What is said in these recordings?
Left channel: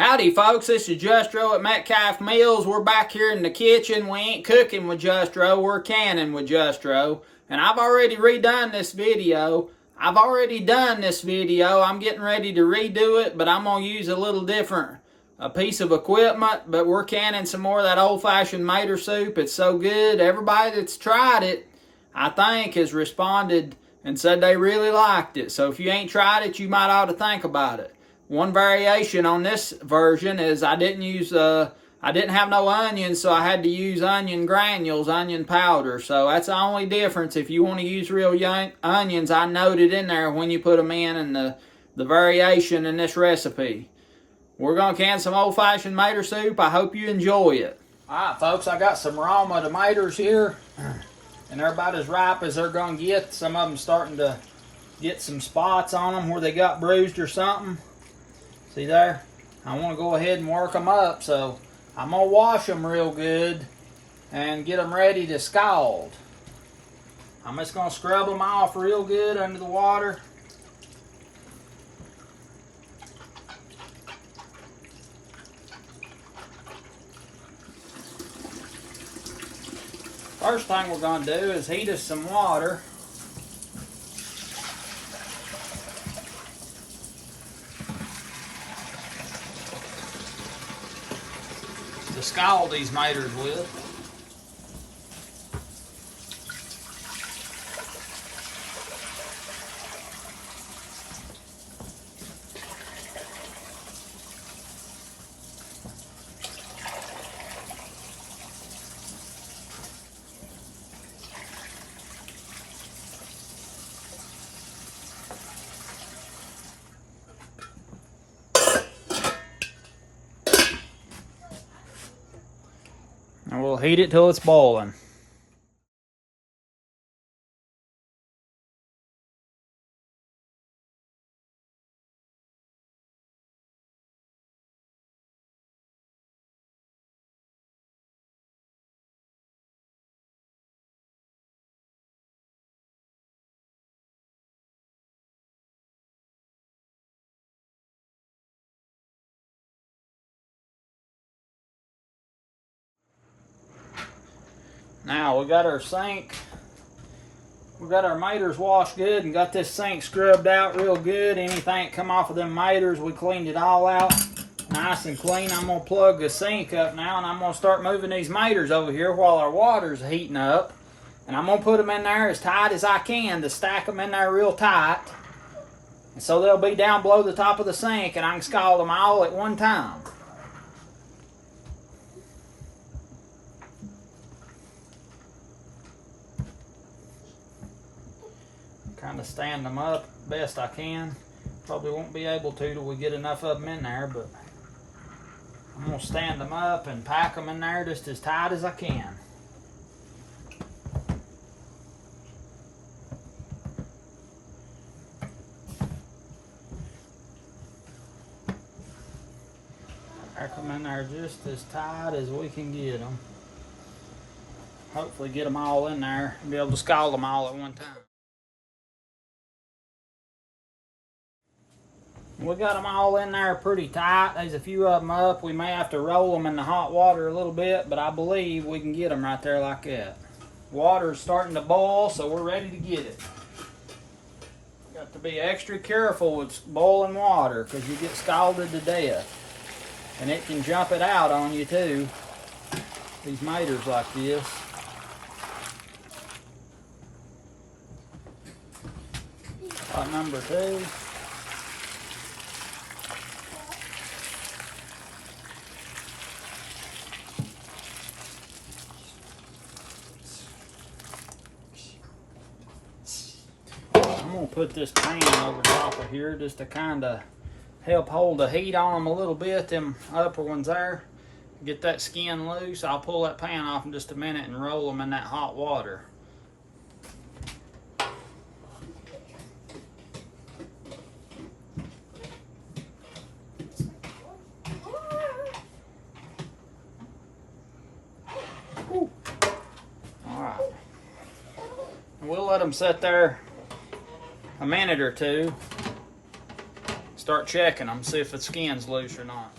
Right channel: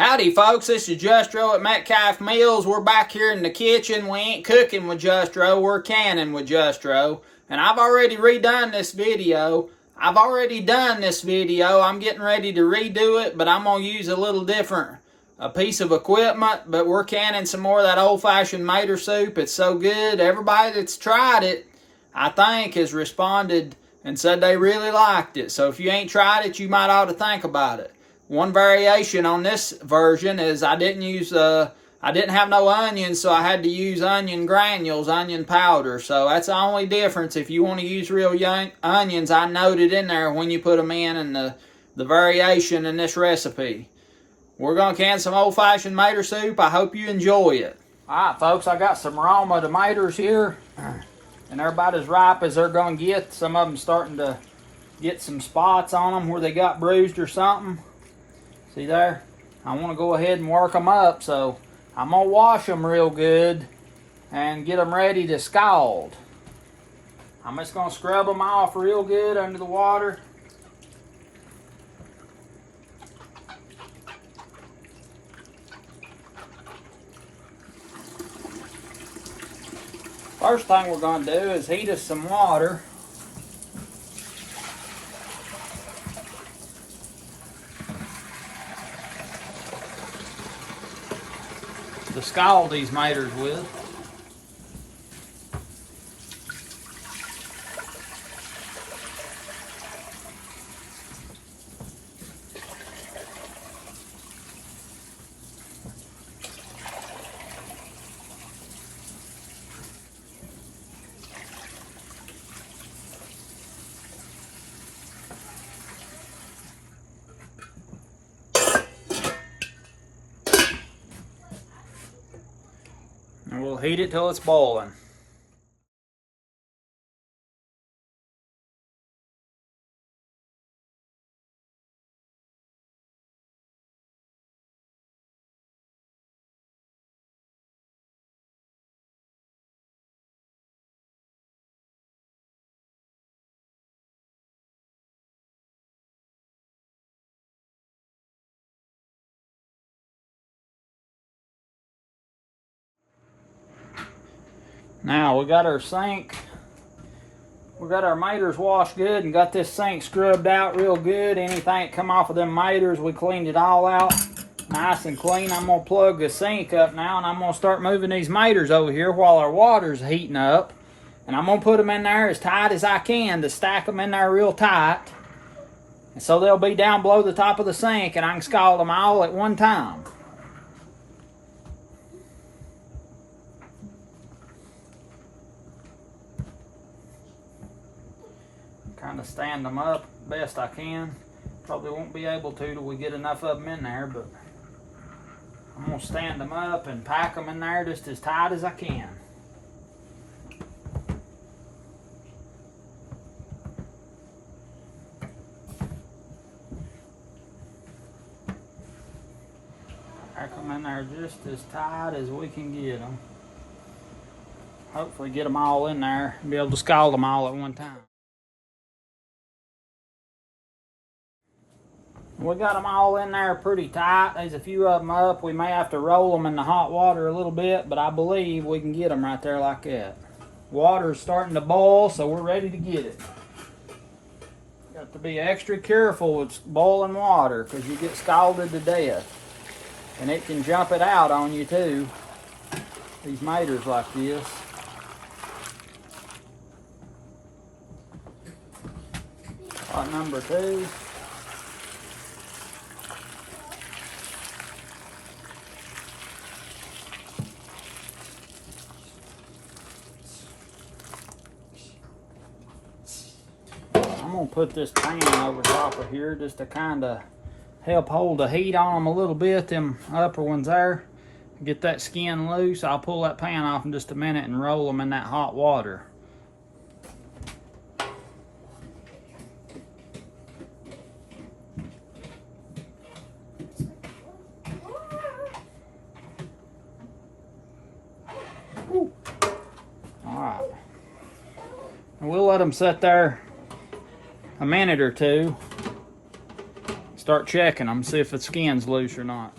Howdy folks, this is Justro at Metcalf Mills. We're back here in the kitchen. We ain't cooking with Justro, we're canning with Justro. And I've already redone this video. I'm getting ready to redo it, but I'm going to use a little different piece of equipment. But we're canning some more of that old-fashioned mater soup. It's so good. Everybody that's tried it, I think, has responded and said they really liked it. So if you ain't tried it, you might ought to think about it. One variation on this version is I didn't have no onions, so I had to use onion granules, onion powder. So that's the only difference. If you want to use real young onions, I noted in there when you put them in the variation in this recipe. We're going to can some old-fashioned mater soup. I hope you enjoy it. All right, folks, I got some raw tomatoes here, and they're about as ripe as they're going to get. Some of them starting to get some spots on them where they got bruised or something. See there? I want to go ahead and work them up, so I'm going to wash them real good and get them ready to scald. I'm just going to scrub them off real good under the water. First thing we're going to do is heat us some water. To scald these maters with. And we'll heat it till it's boiling. Now we got our sink, we got our maters washed good and got this sink scrubbed out real good. Anything that come off of them maters, we cleaned it all out nice and clean. I'm going to plug the sink up now and I'm going to start moving these maters over here while our water's heating up. And I'm going to put them in there as tight as I can to stack them in there real tight. And so they'll be down below the top of the sink and I can scald them all at one time. Kind of stand them up best I can. Probably won't be able to till we get enough of them in there, but I'm going to stand them up and pack them in there just as tight as I can. Pack them in there just as tight as we can get them. Hopefully get them all in there and be able to scald them all at one time. We got them all in there pretty tight. There's a few of them up. We may have to roll them in the hot water a little bit, but I believe we can get them right there like that. Water's starting to boil, so we're ready to get it. Got to be extra careful with boiling water because you get scalded to death. And it can jump it out on you too. These maters like this. Pot number 2. I'm going to put this pan over top of here just to kind of help hold the heat on them a little bit, them upper ones there. Get that skin loose. I'll pull that pan off in just a minute and roll them in that hot water. Alright. We'll let them sit there a minute or two. Start checking them, see if the skin's loose or not.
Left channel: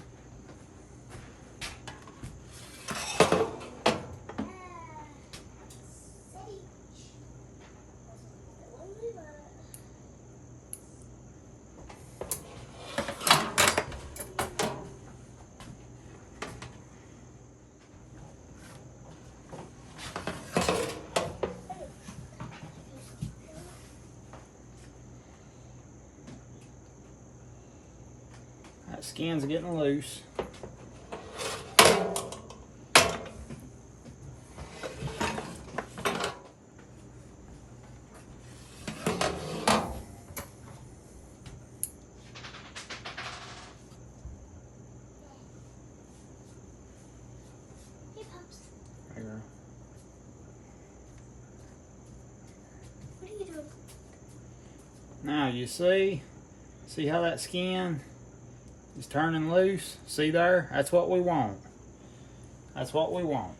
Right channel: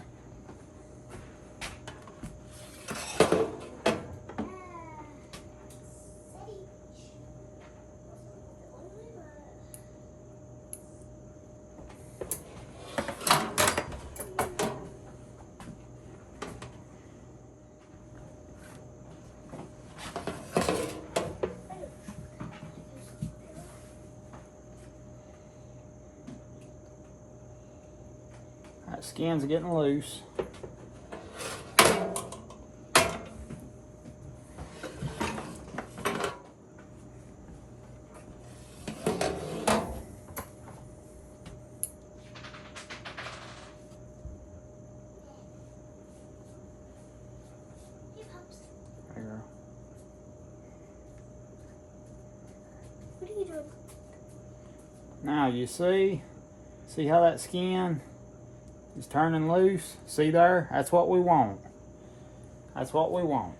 Skin's getting loose. Now you see how that skin is turning loose? See there? That's what we want. That's what we want.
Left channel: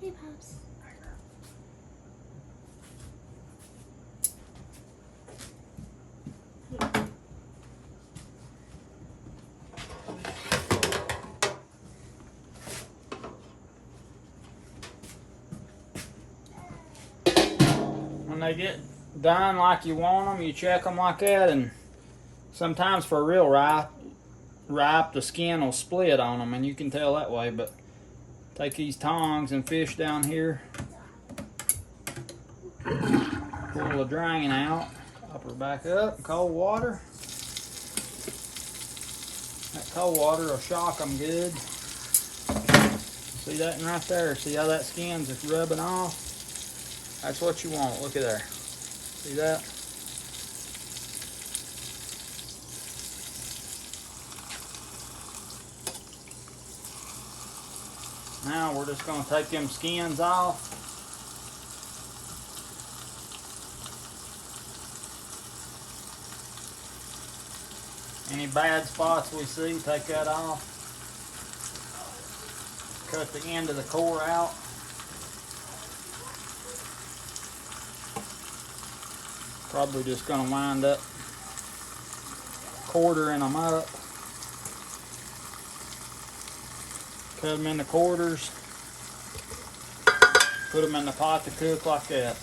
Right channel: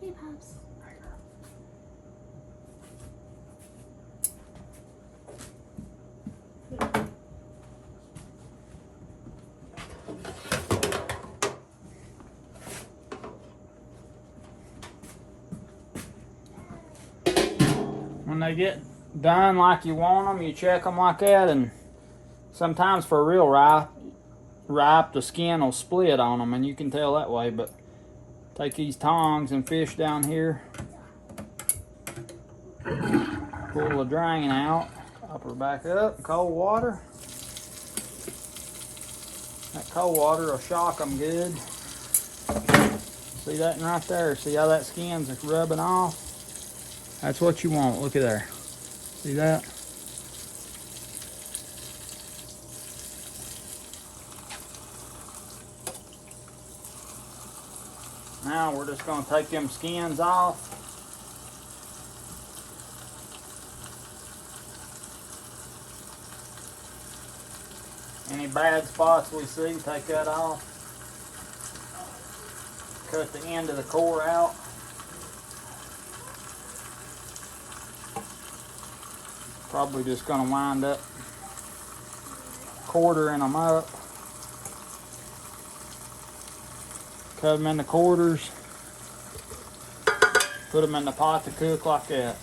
Hey, Pops. When they get done like you want them, you check them like that, and sometimes for real ripe, the skin will split on them, and you can tell that way. But take these tongs and fish down here, pull the drain out, up her back up, cold water. That cold water will shock them good. See that right there? See how that skin's rubbing off? That's what you want. Look at there. See that? Now we're just going to take them skins off. Any bad spots we see, take that off. Cut the end of the core out. Probably just going to wind up quartering them up. Cut them into quarters. Put them in the pot to cook like that.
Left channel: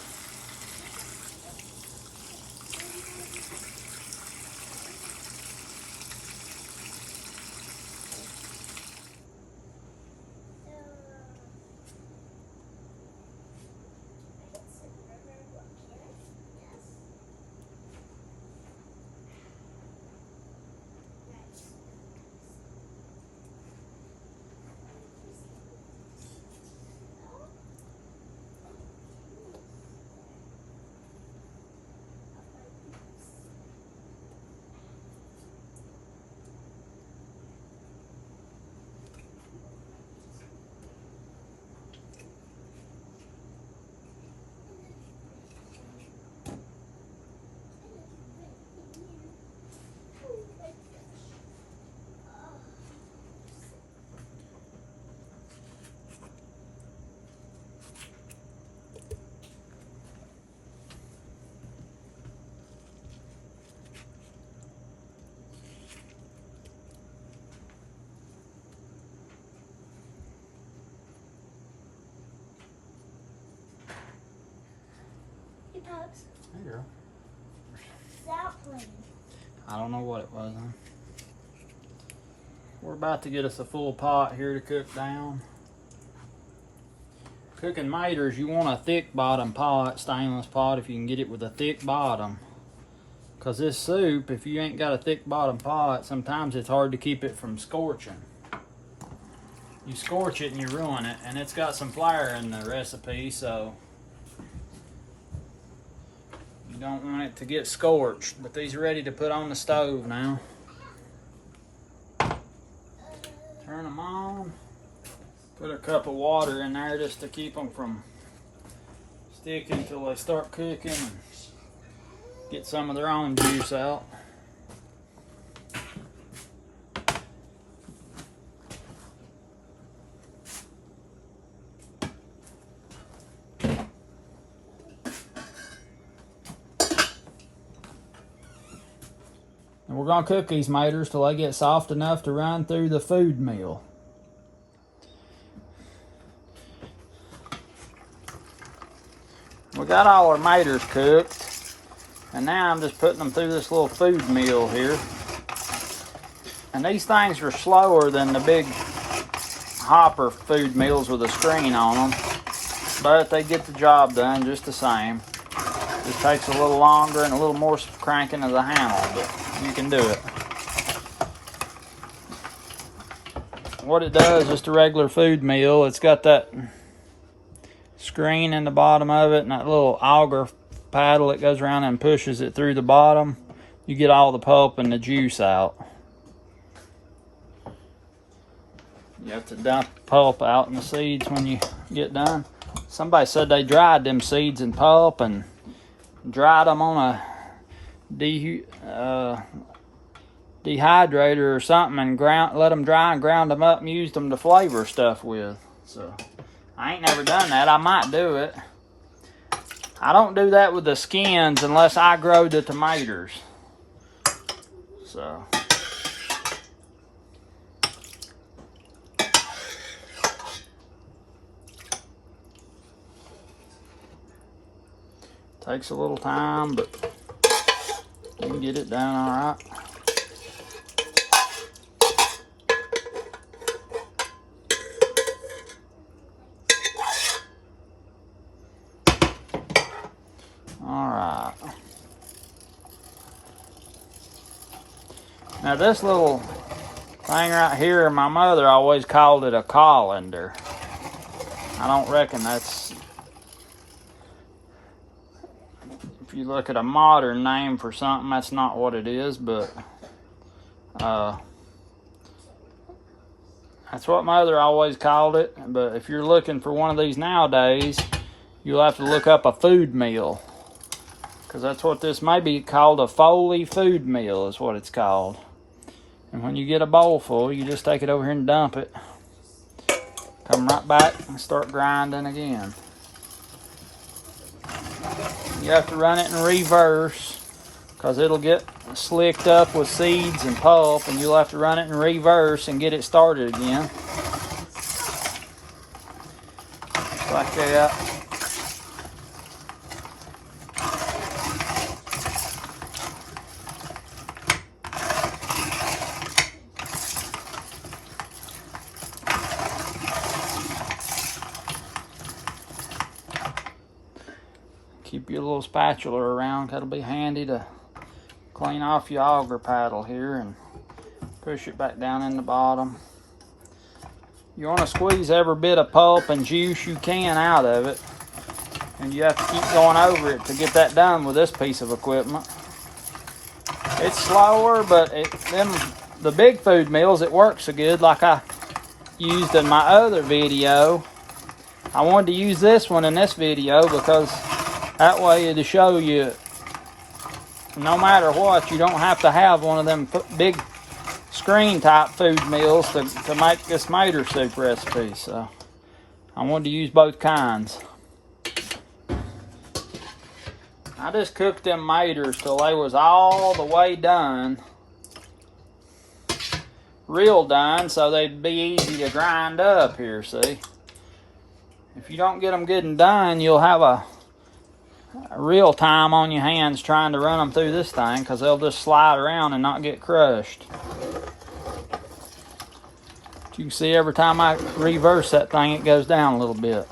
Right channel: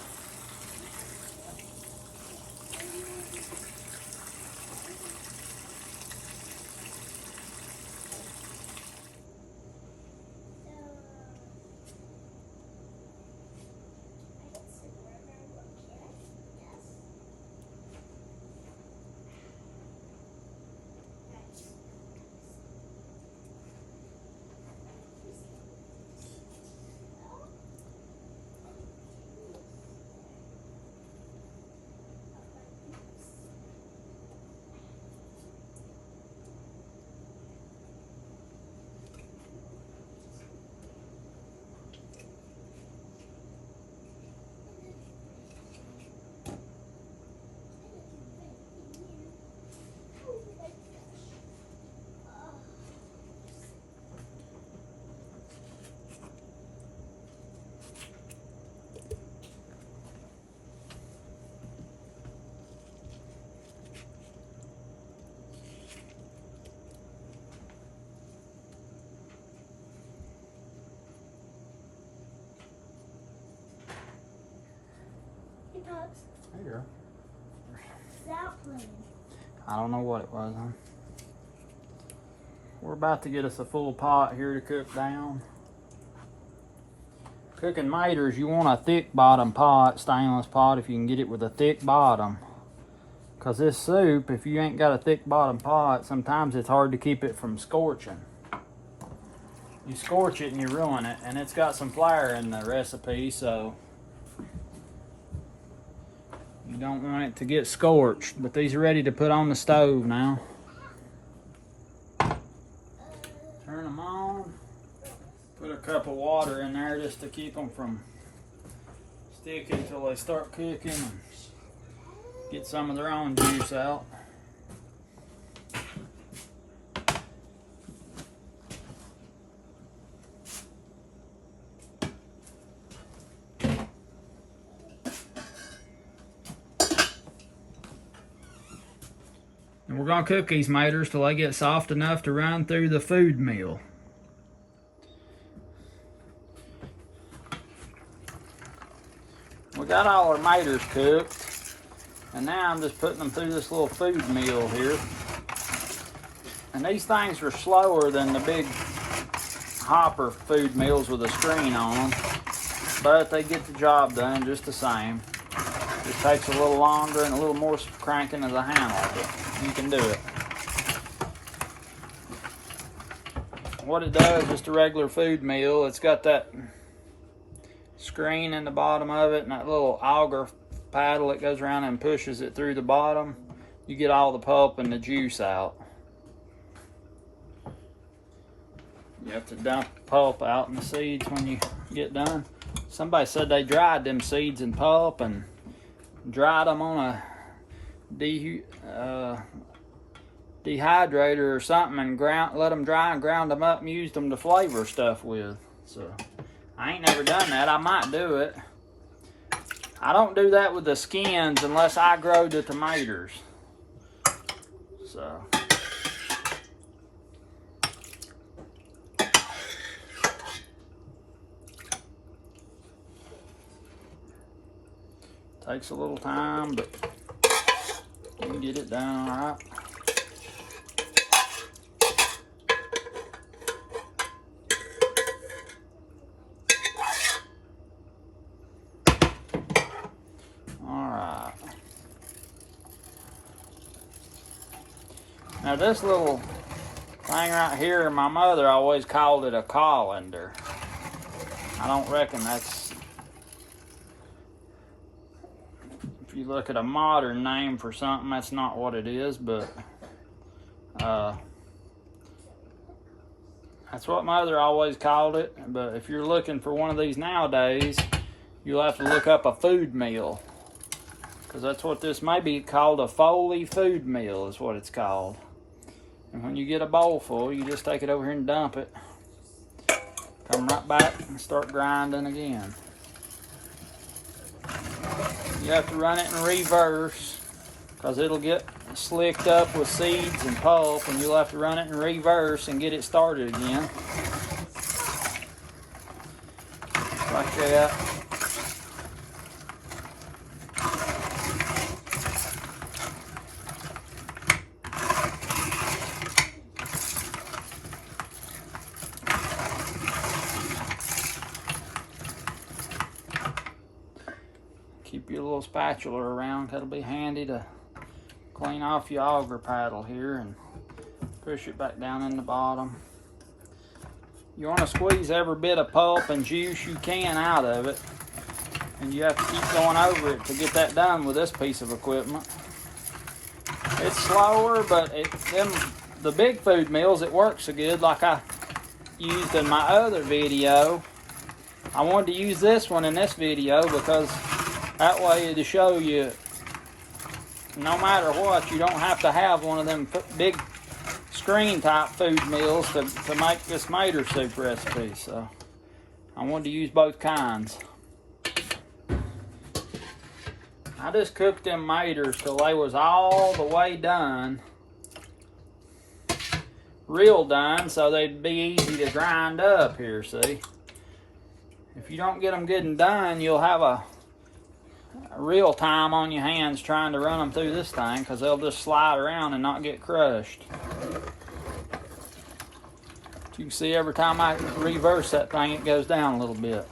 Pops. Hey girl. That plane. I don't know what it was, huh? We're about to get us a full pot here to cook down. Cooking maters, you want a thick bottom pot, stainless pot, if you can get it with a thick bottom. Because this soup, if you ain't got a thick bottom pot, sometimes it's hard to keep it from scorching. You scorch it and you ruin it, and it's got some flour in the recipe, so you don't want it to get scorched. But these are ready to put on the stove now. Turn them on. Put a cup of water in there just to keep them from sticking until they start cooking and get some of their own juice out. And we're going to cook these maters till they get soft enough to run through the food mill. We got all our maters cooked, and now I'm just putting them through this little food mill here. And these things are slower than the big hopper food mills with a screen on them. but they get the job done just the same. It takes a little longer and a little more cranking of the handle, but you can do it. What it does, just a regular food mill, it's got that screen in the bottom of it and that little auger paddle that goes around and pushes it through the bottom. You get all the pulp and the juice out. You have to dump the pulp out and the seeds when you get done. Somebody said they dried them seeds in pulp and dried them on a dehydrator or something and let them dry and ground them up and used them to flavor stuff with. So I ain't never done that. I might do it. I don't do that with the skins unless I grow the tomatoes. So takes a little time, but you can get it done all right. Now this little thing right here, my mother always called it a colander. I don't reckon that's, if you look at a modern name for something, that's not what it is, but that's what mother always called it. But if you're looking for one of these nowadays, you'll have to look up a food mill, because that's what this may be called. A Foley food mill is what it's called. And when you get a bowl full, you just take it over here and dump it. Come right back and start grinding again. You have to run it in reverse because it'll get slicked up with seeds and pulp, and you'll have to run it in reverse and get it started again. Just like that. Keep your little spatula around. That'll be handy to clean off your auger paddle here and push it back down in the bottom. You want to squeeze every bit of pulp and juice you can out of it, and you have to keep going over it to get that done with this piece of equipment. It's slower, but the big food mills, it works so good. Like I used in my other video, I wanted to use this one in this video because that way it'll show you no matter what, you don't have to have one of them big screen type food mills to make this tomato soup recipe. So I wanted to use both kinds. I just cooked them tomatoes till they was all the way done. Real done, so they'd be easy to grind up here, see. If you don't get them good and done, you'll have a real time on your hands trying to run them through this thing, because they'll just slide around and not get crushed. You can see every time I reverse that thing, it goes down a little bit.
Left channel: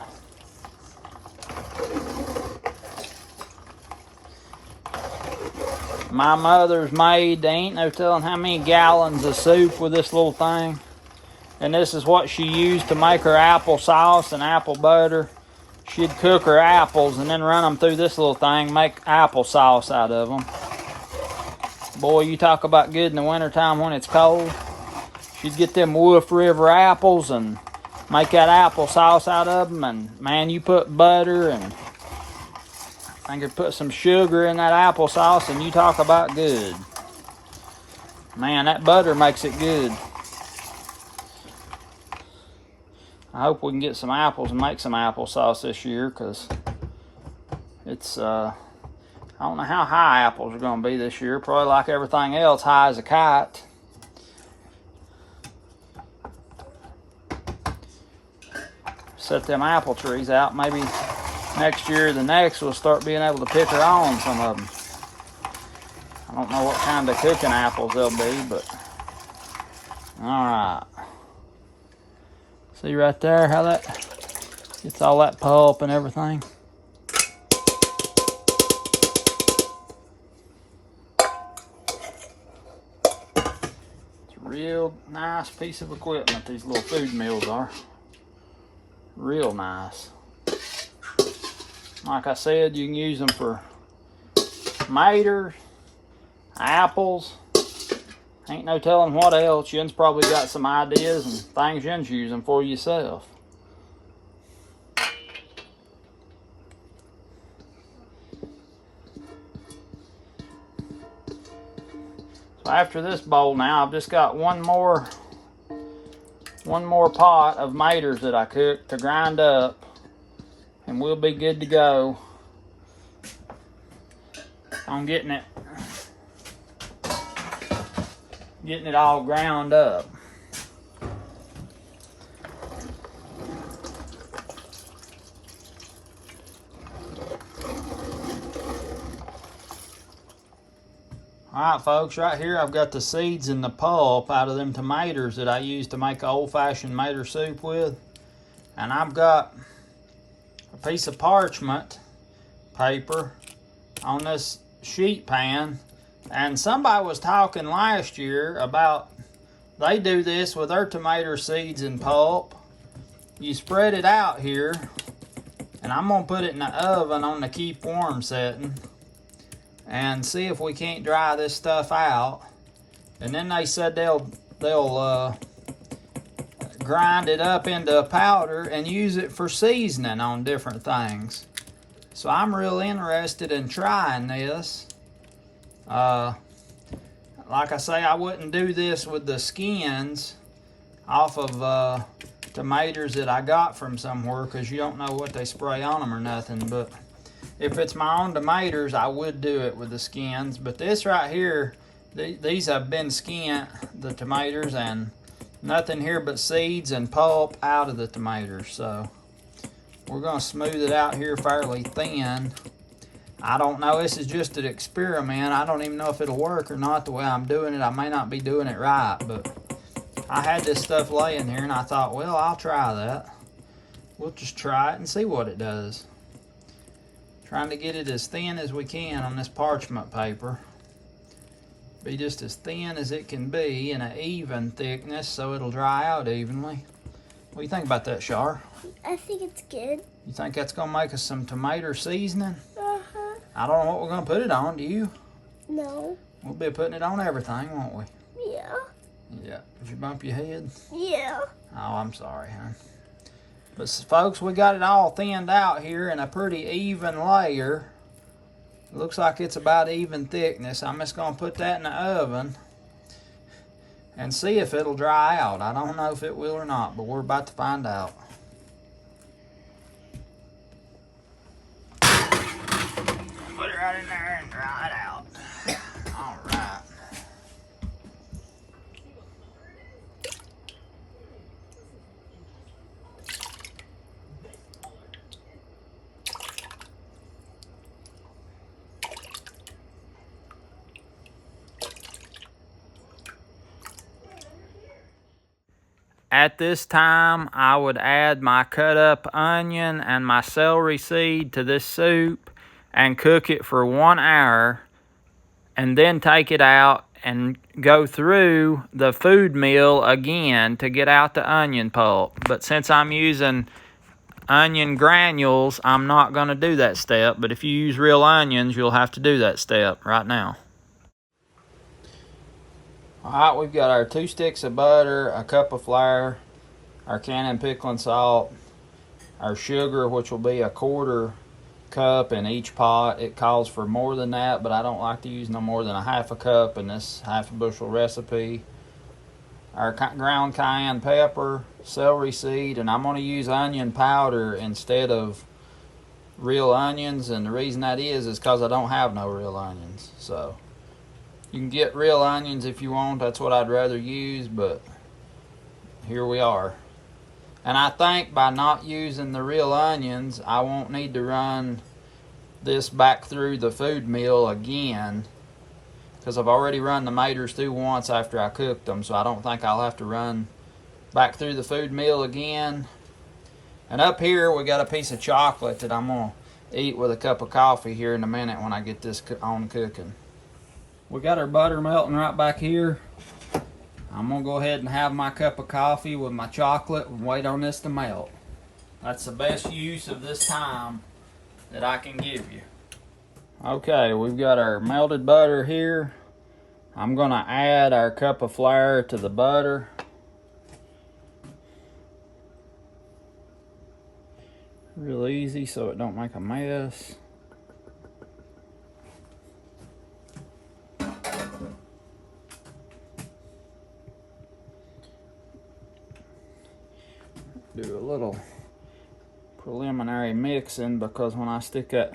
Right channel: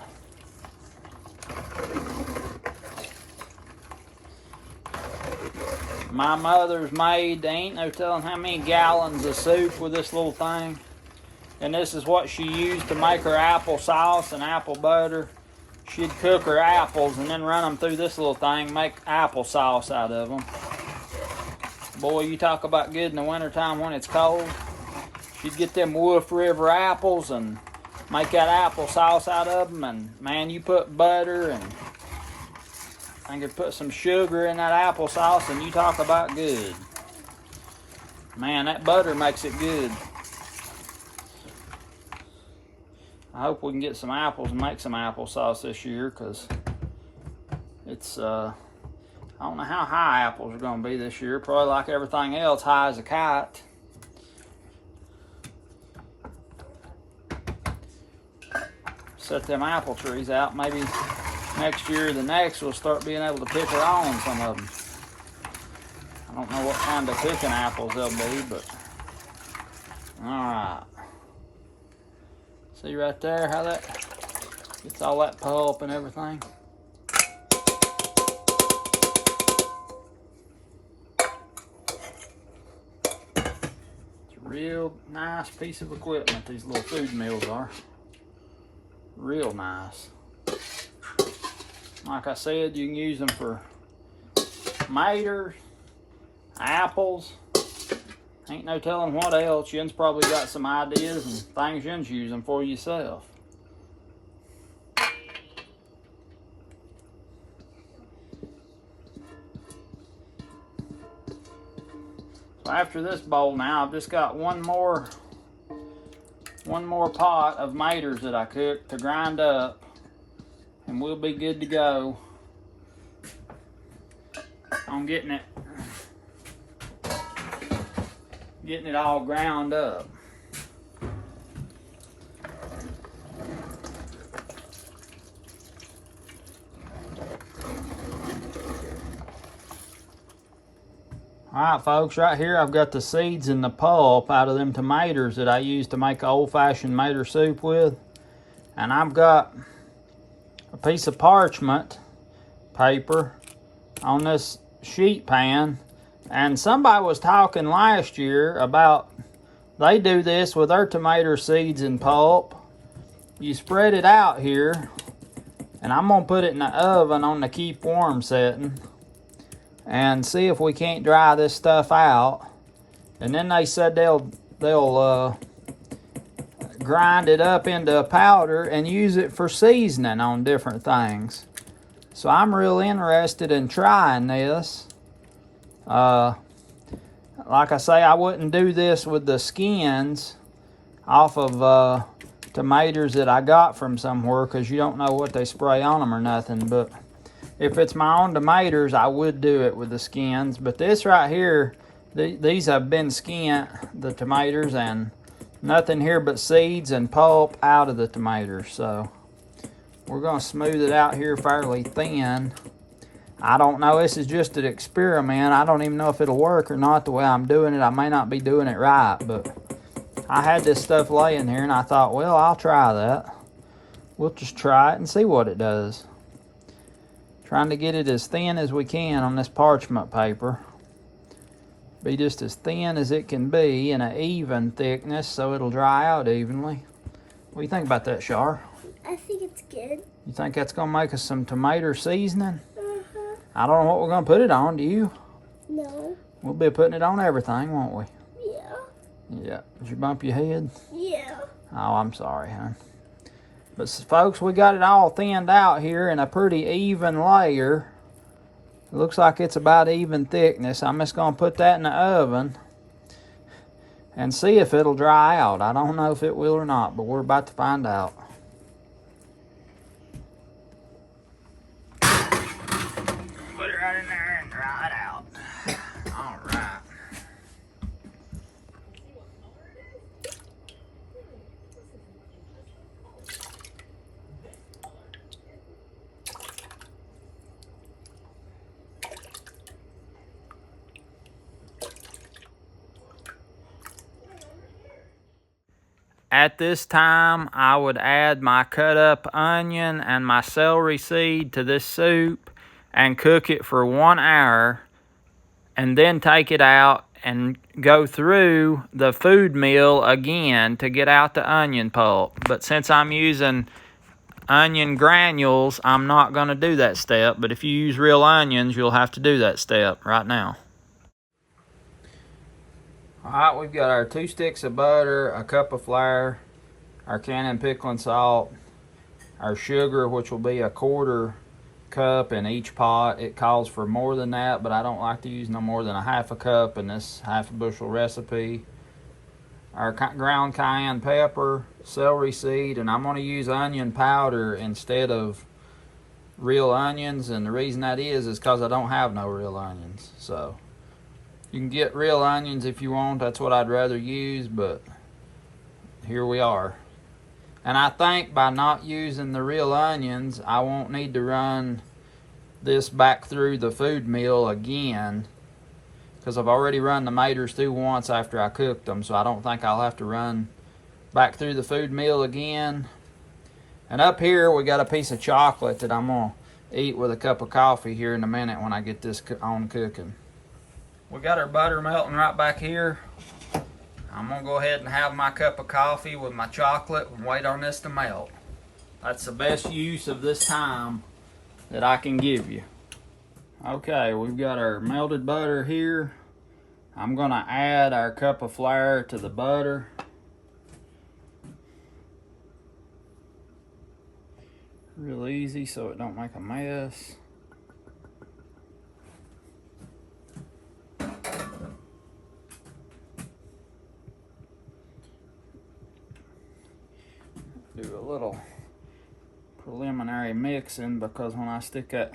My mother's made, they ain't no telling how many gallons of soup with this little thing. And this is what she used to make her apple sauce and apple butter. She'd cook her apples and then run them through this little thing, make apple sauce out of them. Boy, you talk about good in the wintertime when it's cold. She'd get them Wolf River apples and make that apple sauce out of them. And man, you put butter and I could put some sugar in that apple sauce, and you talk about good. Man, that butter makes it good. I hope we can get some apples and make some applesauce this year, because it's, I don't know how high apples are going to be this year. Probably like everything else, high as a kite. Set them apple trees out. Maybe next year or the next we'll start being able to pick her on some of them. I don't know what kind of cooking apples they'll be, but all right. See right there how that Gets all that pulp and everything. It's a real nice piece of equipment, these little food mills are. Real nice. Like I said, you can use them for tomatoes, apples. Ain't no telling what else. Yin's probably got some ideas and things Yin's using for yourself. So after this bowl now, I've just got one more pot of maters that I cooked to grind up, and we'll be good to go. I'm getting it all ground up. Alright folks, right here I've got the seeds and the pulp out of them tomatoes that I use to make old-fashioned tomato soup with. And I've got a piece of parchment paper on this sheet pan. And somebody was talking last year about they do this with their tomato seeds and pulp. You spread it out here, and I'm going to put it in the oven on the keep warm setting and see if we can't dry this stuff out. And then they said they'll grind it up into a powder and use it for seasoning on different things. So I'm real interested in trying this. Like I say, I wouldn't do this with the skins off of tomatoes that I got from somewhere, because you don't know what they spray on them or nothing. But if it's my own tomatoes, I would do it with the skins. But this right here, these have been skinned, the tomatoes, and nothing here but seeds and pulp out of the tomatoes. So we're going to smooth it out here fairly thin. I don't know, this is just an experiment. I don't even know if it'll work or not the way I'm doing it. I may not be doing it right, but I had this stuff laying here and I thought, well, I'll try that. We'll just try it and see what it does. Trying to get it as thin as we can on this parchment paper. Be just as thin as it can be in an even thickness so it'll dry out evenly. What do you think about that, Shar? I think it's good. You think that's going to make us some tomato seasoning? I don't know what we're going to put it on, do you? No. We'll be putting it on everything, won't we? Yeah. Yeah. Did you bump your head? Yeah. Oh, I'm sorry, hon. But folks, we got it all thinned out here in a pretty even layer. It looks like it's about even thickness. I'm just going to put that in the oven and see if it'll dry out. I don't know if it will or not, but we're about to find out. Put it right in there and dry it out. All right. At this time, I would add my cut up onion and my celery seed to this soup and cook it for 1 hour, and then take it out and go through the food mill again to get out the onion pulp. But since I'm using onion granules, I'm not going to do that step. But if you use real onions, you'll have to do that step right now. Alright, we've got our 2 sticks of butter, a cup of flour, our cayenne pickling salt, our sugar, which will be a 1/4 cup in each pot. It calls for more than that, but I don't like to use no more than a 1/2 cup in this 1/2 bushel recipe. Our ground cayenne pepper, celery seed, and I'm going to use onion powder instead of real onions, and the reason that is because I don't have no real onions. So you can get real onions if you want. That's what I'd rather use, but here we are. And I think by not using the real onions, I won't need to run this back through the food mill again, because I've already run the maters through once after I cooked them, so I don't think I'll have to run back through the food mill again. And up here we got a piece of chocolate that I'm gonna eat with a cup of coffee here in a minute when I get this on cooking. We got our butter melting right back here. I'm gonna go ahead and have my cup of coffee with my chocolate and wait on this to melt. That's the best use of this time that I can give you. Okay, we've got our melted butter here. I'm gonna add our cup of flour to the butter. Real easy so it don't make a mess. Do a little preliminary mixing because when I stick that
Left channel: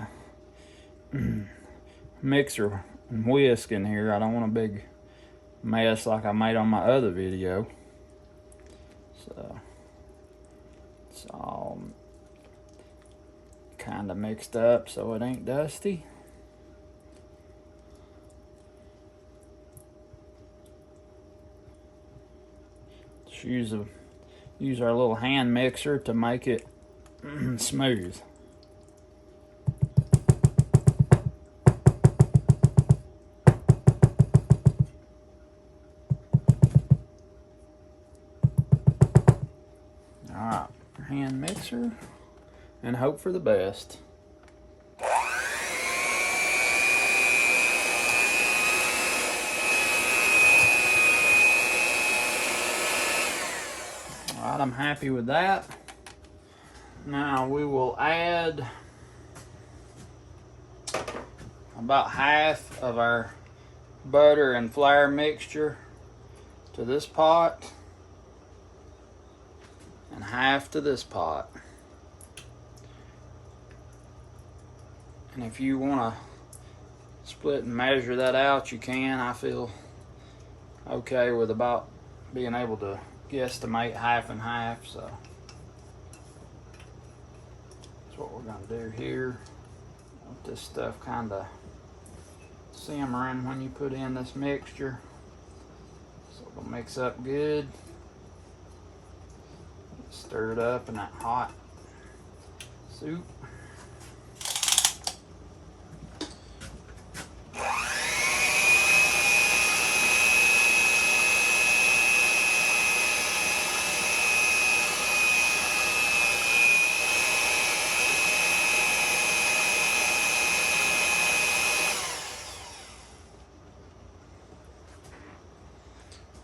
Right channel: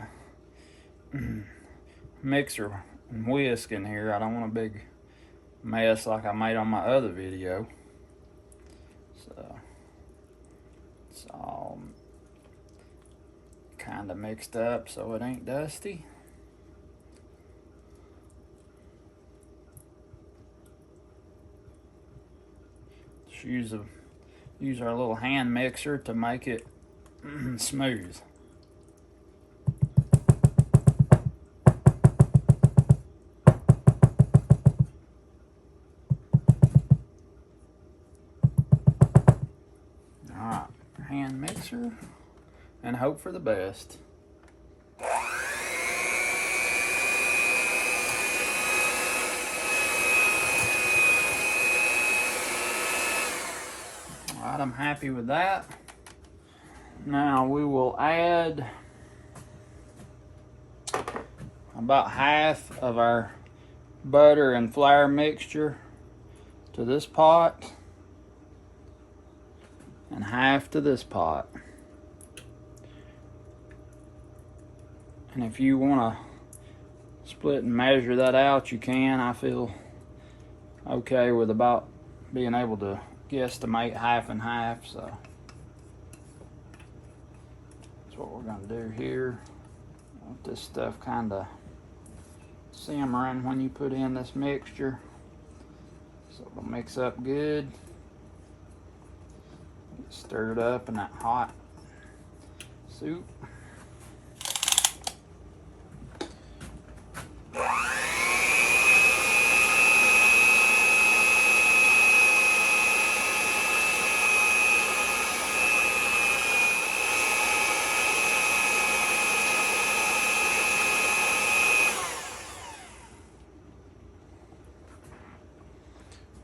mixer and whisk in here, I don't want a big mess like I made on my other video. So it's all kind of mixed up so it ain't dusty. Just use our little hand mixer to make it smooth. Alright, hand mixer and hope for the best. Alright, I'm happy with that. Now we will add about half of our butter and flour mixture to this pot and half to this pot. And if you want to split and measure that out, you can. I feel okay with about being able to guesstimate half and half, so that's what we're going to do here. Let this stuff kind of simmering when you put in this mixture, so it'll mix up good. Stir it up in that hot soup.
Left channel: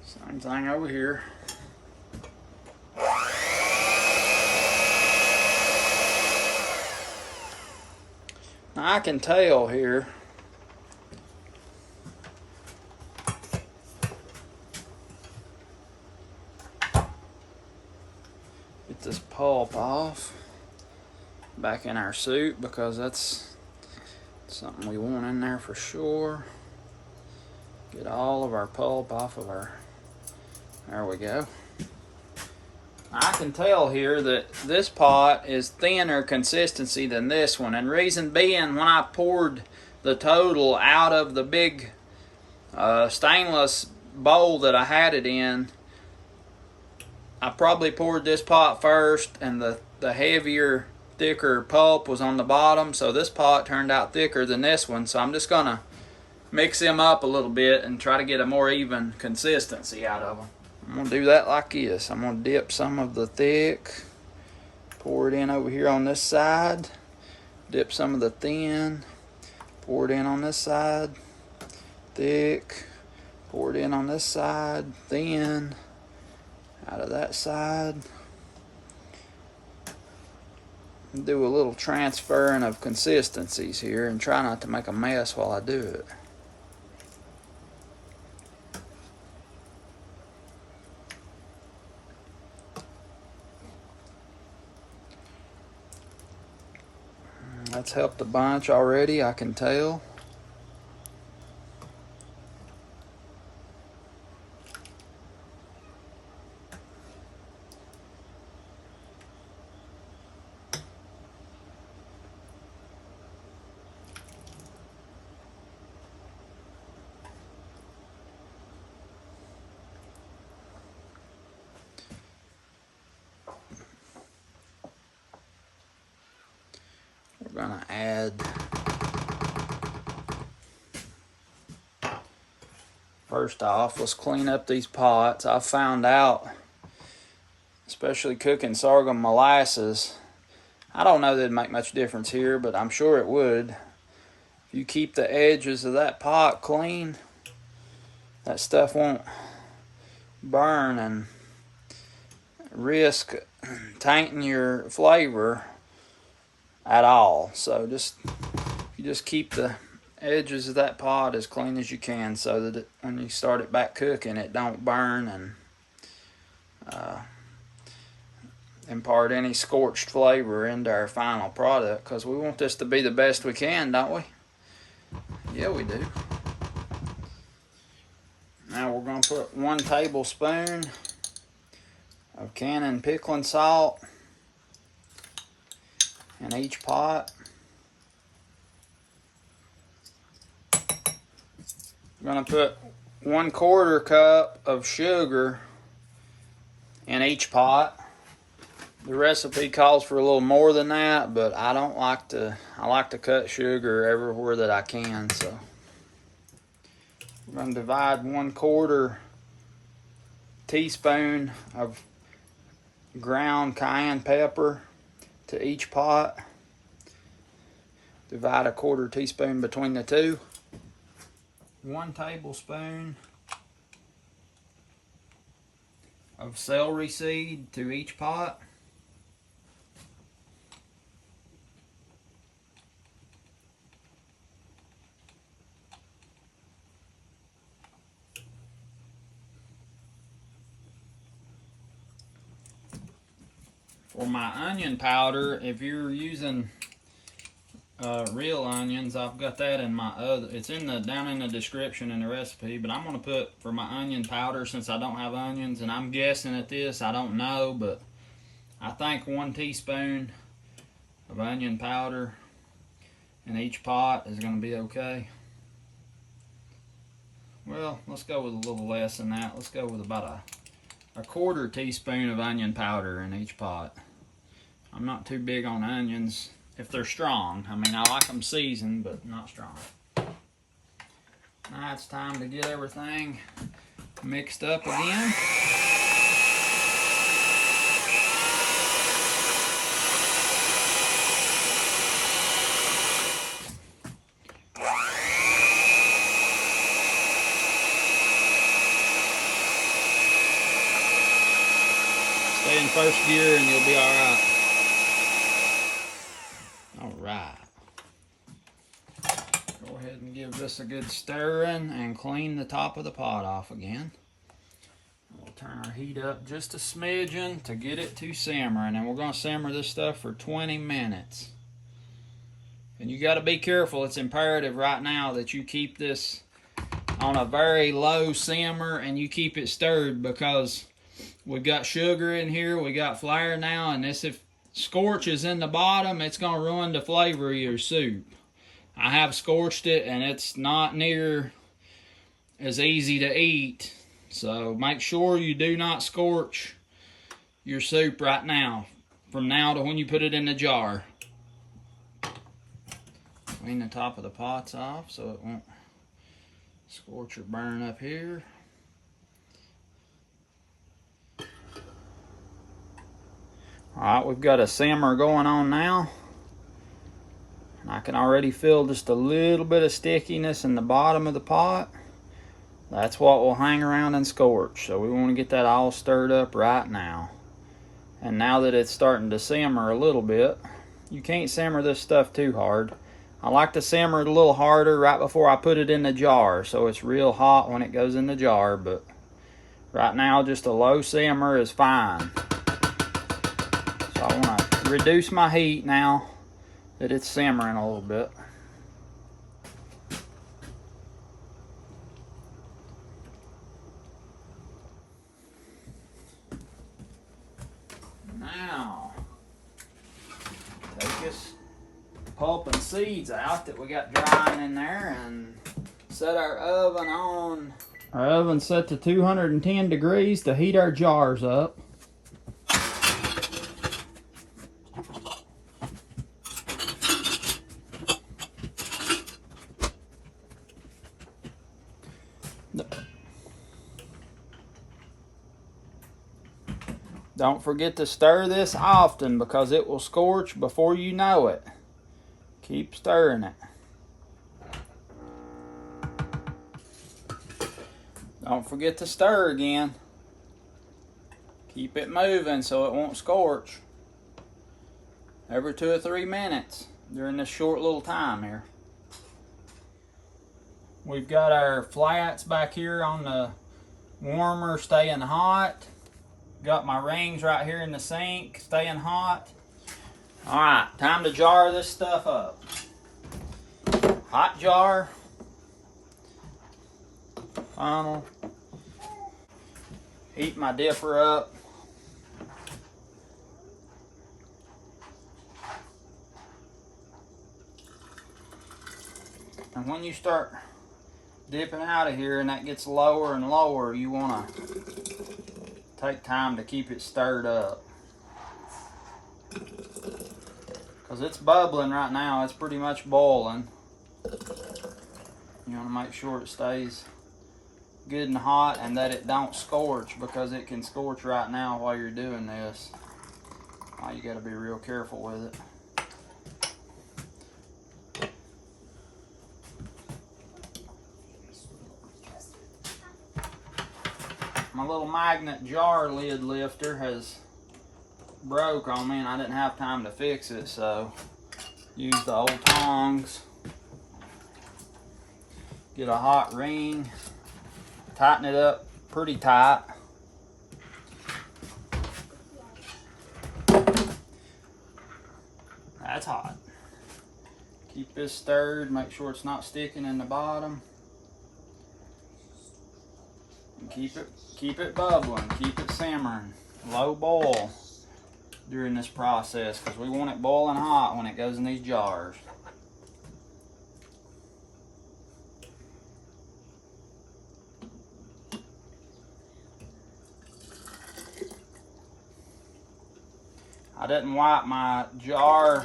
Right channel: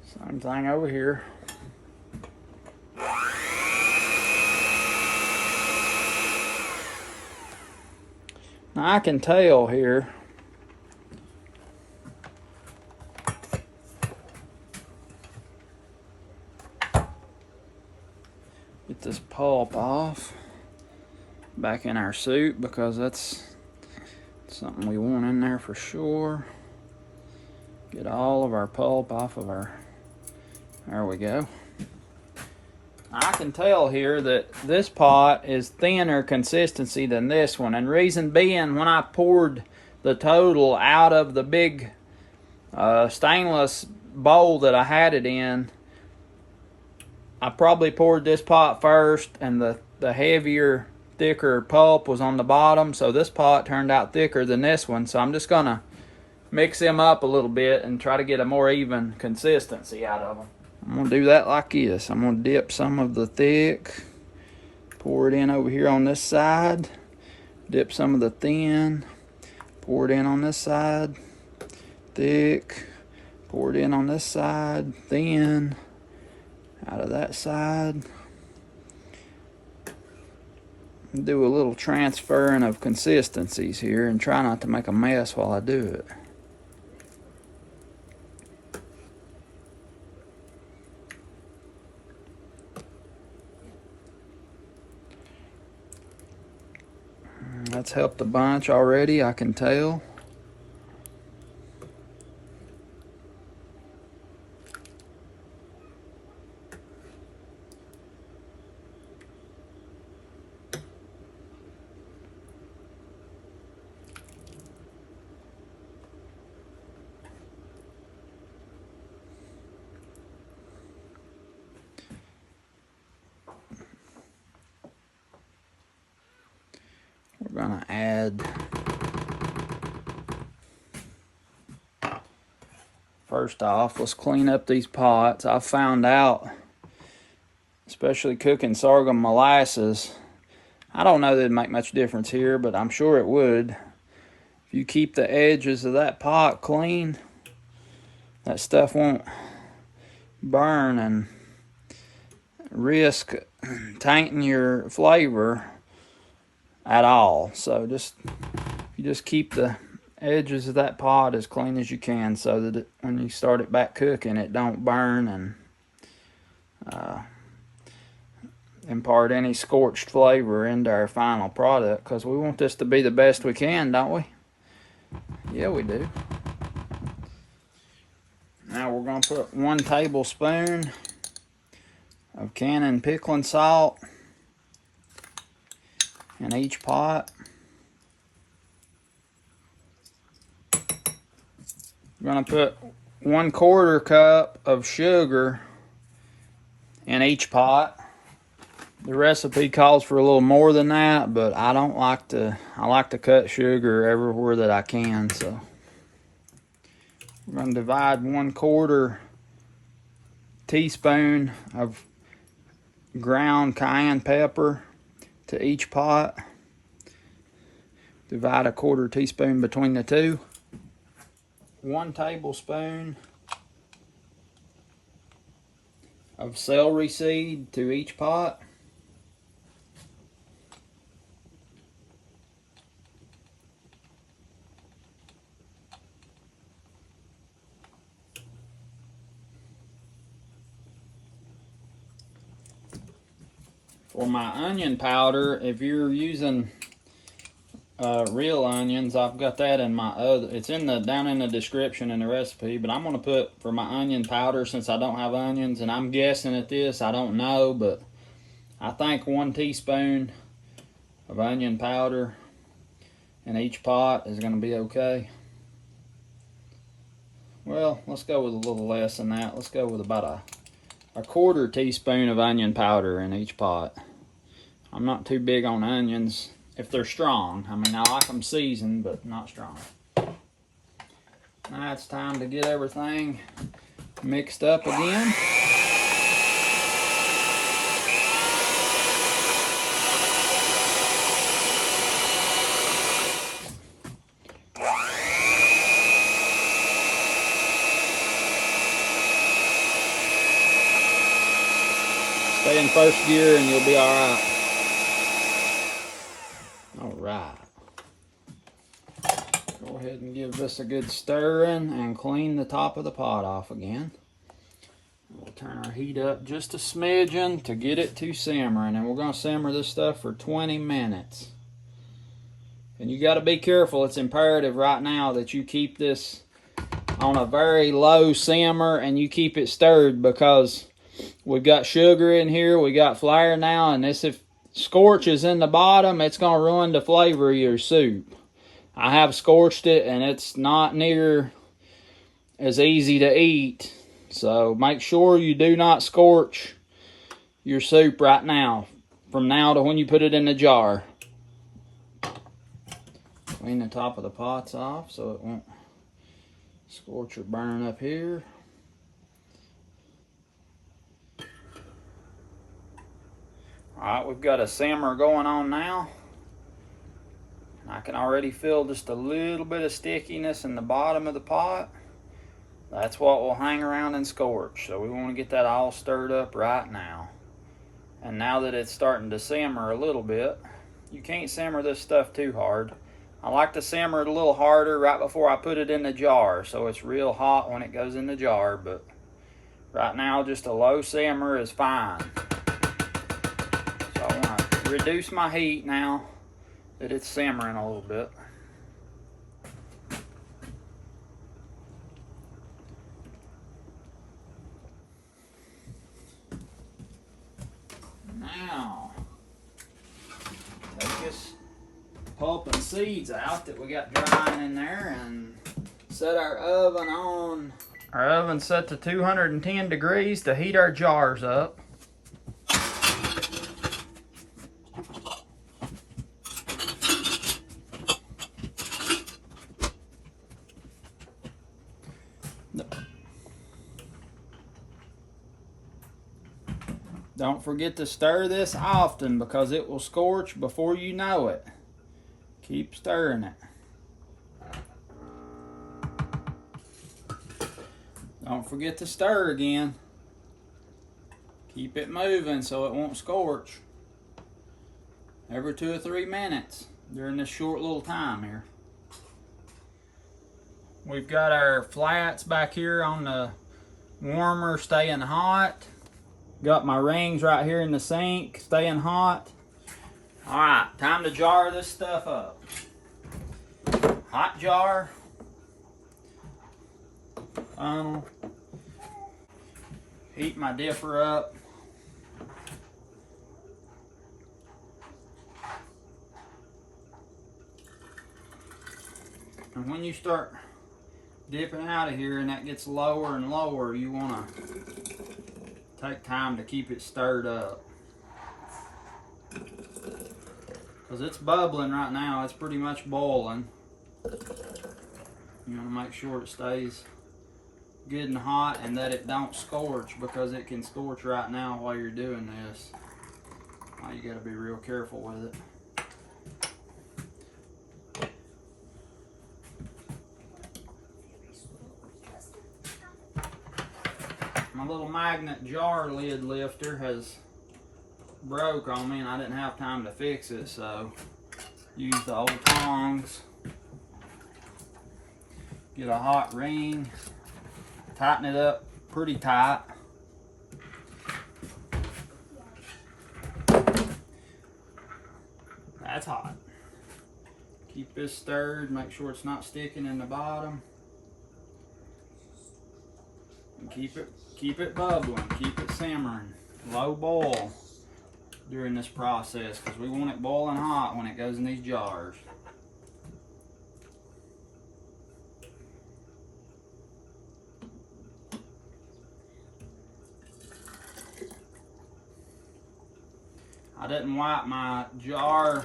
Same thing over here. Now I can tell here get this pulp off back in our soup because that's something we want in there for sure. Get all of our pulp off of our, there we go. I can tell here that this pot is thinner consistency than this one, and reason being, when I poured the total out of the big stainless bowl that I had it in, I probably poured this pot first, and the heavier, thicker pulp was on the bottom, so this pot turned out thicker than this one. So I'm just gonna mix them up a little bit and try to get a more even consistency out of them. I'm gonna do that like this. I'm gonna dip some of the thick, pour it in over here on this side, dip some of the thin, pour it in on this side, thick, pour it in on this side, thin, out of that side. Do a little transferring of consistencies here and try not to make a mess while I do it. That's helped a bunch already, I can tell. gonna add, first off, let's clean up these pots. I found out, especially cooking sorghum molasses, I don't know that it'd make much difference here, but I'm sure it would. If you keep the edges of that pot clean, that stuff won't burn and risk tainting your flavor at all. So you just keep the edges of that pot as clean as you can, so that when you start it back cooking, it don't burn and impart any scorched flavor into our final product, because we want this to be the best we can, don't we? Yeah, we do. Now we're going to put 1 tablespoon of Cannon pickling salt in each pot. We're going to put 1/4 cup of sugar in each pot. The recipe calls for a little more than that, but I like to cut sugar everywhere that I can, so we're going to divide 1/4 teaspoon of ground cayenne pepper to each pot. Divide 1/4 teaspoon between the two. 1 tablespoon of celery seed to each pot. For my onion powder, if you're using real onions, I've got that in my other, it's down in the description in the recipe, but I'm going to put, for my onion powder, since I don't have onions, and I'm guessing at this, I don't know, but I think 1 teaspoon of onion powder in each pot is going to be okay. Well, let's go with a little less than that. Let's go with about a 1/4 teaspoon of onion powder in each pot. I'm not too big on onions if they're strong. I mean, I like them seasoned, but not strong. Now it's time to get everything mixed up again. Stay in first gear and you'll be all right. All right. Go ahead and give this a good stirring and clean the top of the pot off again. We'll turn our heat up just a smidgen to get it to simmering, and we're going to simmer this stuff for 20 minutes. And you got to be careful. It's imperative right now that you keep this on a very low simmer and you keep it stirred, because we've got sugar in here, we got flour now, and this, if scorch is in the bottom, it's going to ruin the flavor of your soup. I have scorched it, and it's not near as easy to eat. So make sure you do not scorch your soup right now, from now to when you put it in the jar. Clean the top of the pots off so it won't scorch or burn up here. Alright, we've got a simmer going on now. I can already feel just a little bit of stickiness in the bottom of the pot. That's what will hang around and scorch. So we want to get that all stirred up right now. And now that it's starting to simmer a little bit, you can't simmer this stuff too hard. I like to simmer it a little harder right before I put it in the jar, so it's real hot when it goes in the jar, but right now just a low simmer is fine. So I want to reduce my heat now that it's simmering a little bit. Now, take this pulp and seeds out that we got drying in there and set our oven on. Our oven's set to 210 degrees to heat our jars up. Don't forget to stir this often because it will scorch before you know it. Keep stirring it. Don't forget to stir again. Keep it moving so it won't scorch. Every 2 or 3 minutes during this short little time here. We've got our flats back here on the warmer staying hot. Got my rings right here in the sink staying hot. Alright, time to jar this stuff up. Hot jar. Funnel. Heat my dipper up. And when you start dipping out of here and that gets lower and lower, you want to take time to keep it stirred up. Because it's bubbling right now, it's pretty much boiling. You want to make sure it stays good and hot and that it don't scorch, because it can scorch right now while you're doing this. Oh, you got to be real careful with it. My little magnet jar lid lifter has broke on me and I didn't have time to fix it, so use the old tongs. Get a hot ring, tighten it up pretty tight. That's hot. Keep this stirred, make sure it's not sticking in the bottom. And keep it bubbling, keep it simmering, low boil during this process, because we want it boiling hot when it goes in these jars. I didn't wipe my jar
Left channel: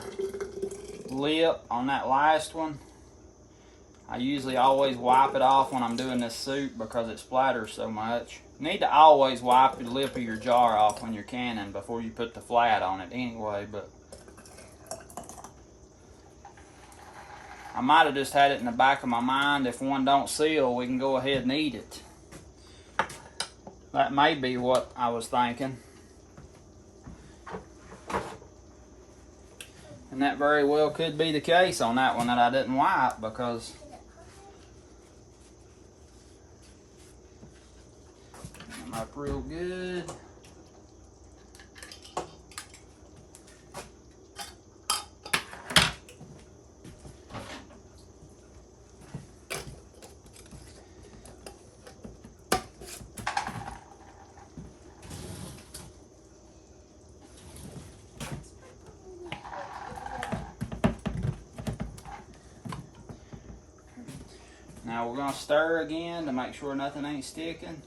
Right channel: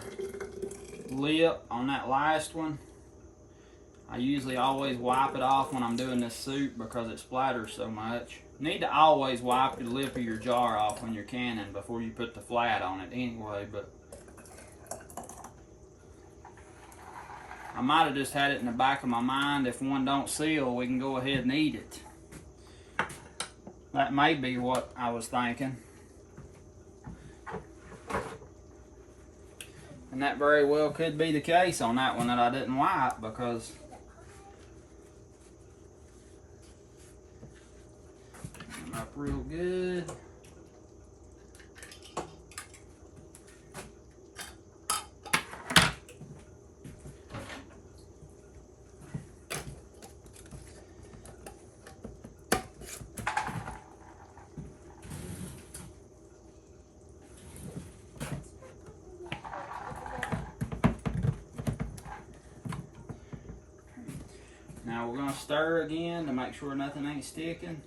lip on that last one. I usually always wipe it off when I'm doing this soup because it splatters so much. You need to always wipe the lip of your jar off when you're canning before you put the flat on it anyway, but I might have just had it in the back of my mind, if one don't seal, we can go ahead and eat it. That may be what I was thinking. And that very well could be the case on that one that I didn't wipe, because like real good. Now we're going to stir again to make sure nothing ain't sticking.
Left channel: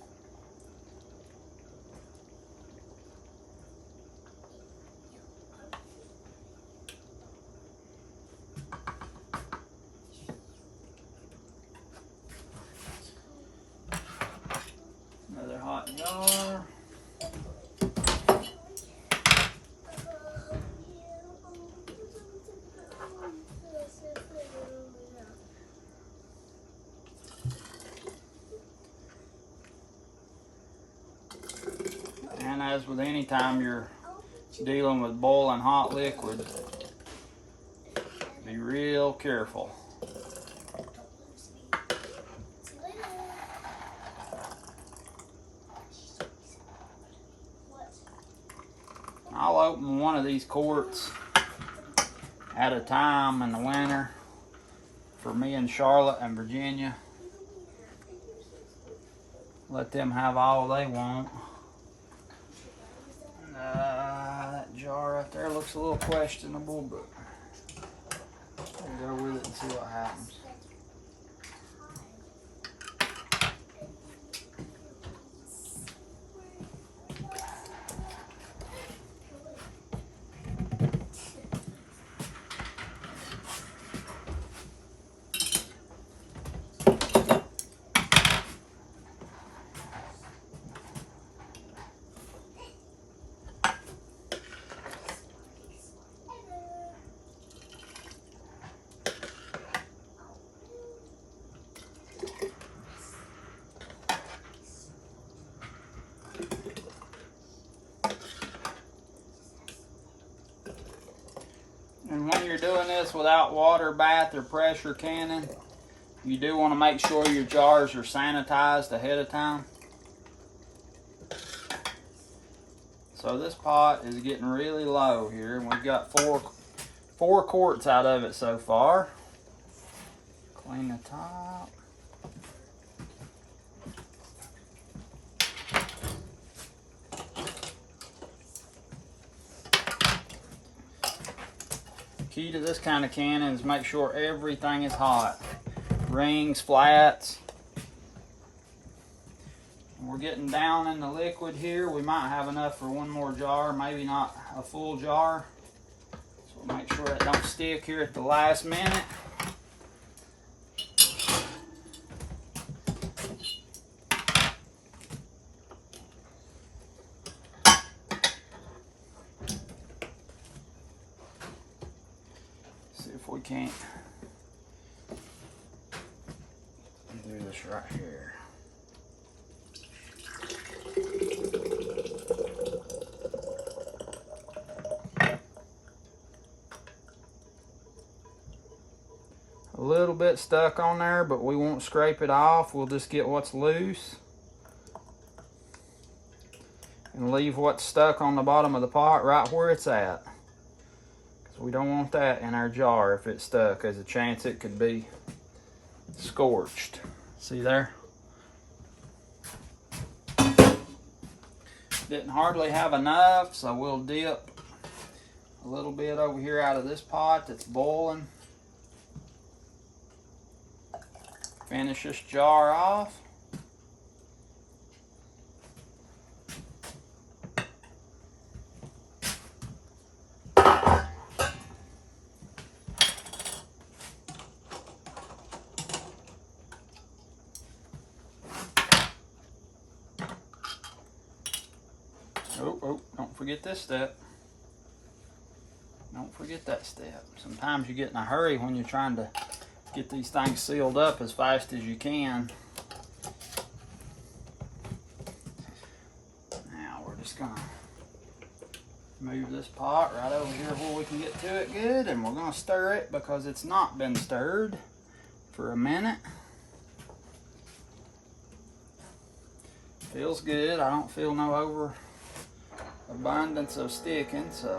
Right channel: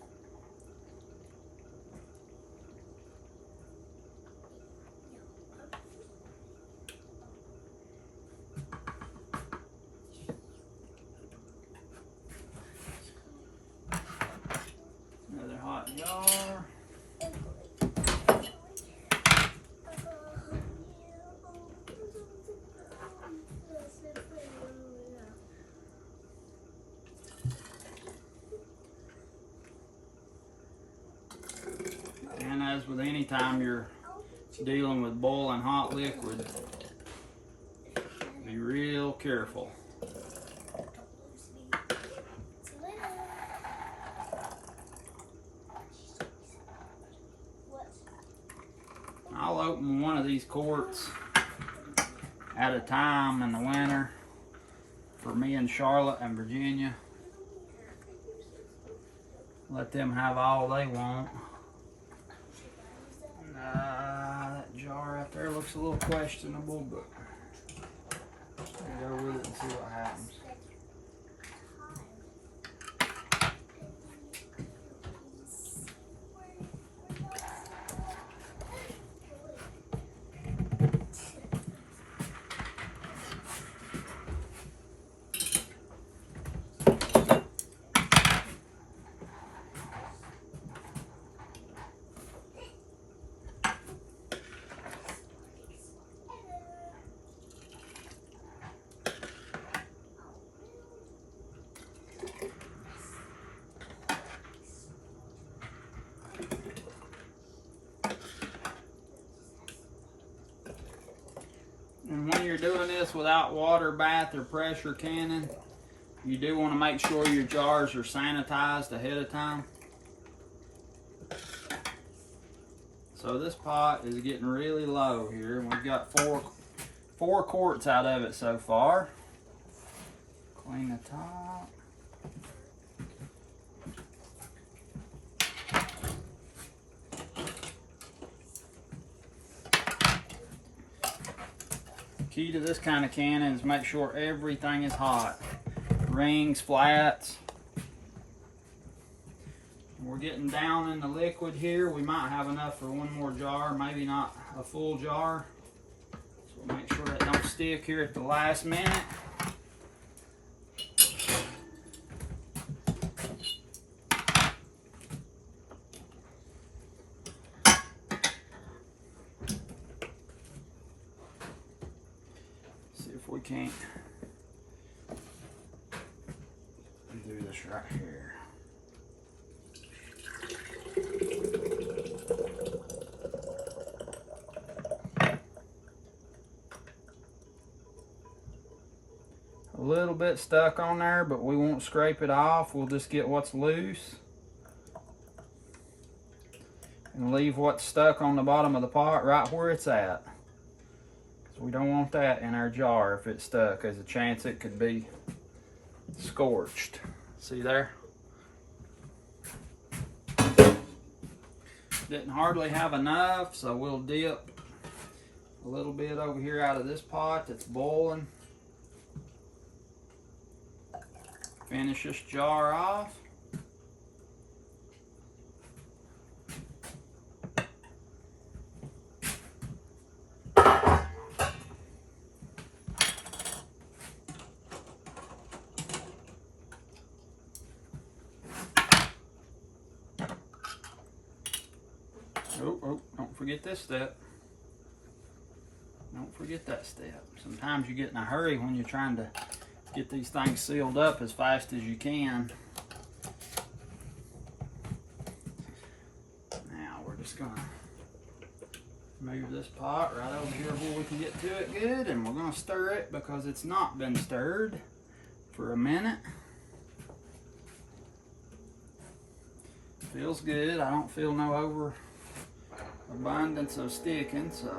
Another hot jar. And as with any time you're dealing with boiling hot liquid, be real careful. I'll open one of these quarts at a time in the winter for me and Charlotte and Virginia. Let them have all they want. That jar right there looks a little questionable, but we'll go with it and see what happens. when you're doing this without water bath or pressure canning, you do want to make sure your jars are sanitized ahead of time. So this pot is getting really low here, and we've got four quarts out of it so far. Clean the top. Key to this kind of canning is make sure everything is hot. Rings, flats. We're getting down in the liquid here. We might have enough for one more jar, maybe not a full jar. So we'll make sure that don't stick here at the last minute. We can't do this right here. A little bit stuck on there, but we won't scrape it off. We'll just get what's loose and leave what's stuck on the bottom of the pot right where it's at. We don't want that in our jar if it's stuck. There's a chance it could be scorched. See there? Didn't hardly have enough, so we'll dip a little bit over here out of this pot that's boiling. Finish this jar off. Oh, don't forget this step. Don't forget that step. Sometimes you get in a hurry when you're trying to get these things sealed up as fast as you can. Now we're just gonna move this pot right over here where we can get to it good, and we're gonna stir it because it's not been stirred for a minute. Feels good. I don't feel no abundance of sticking, so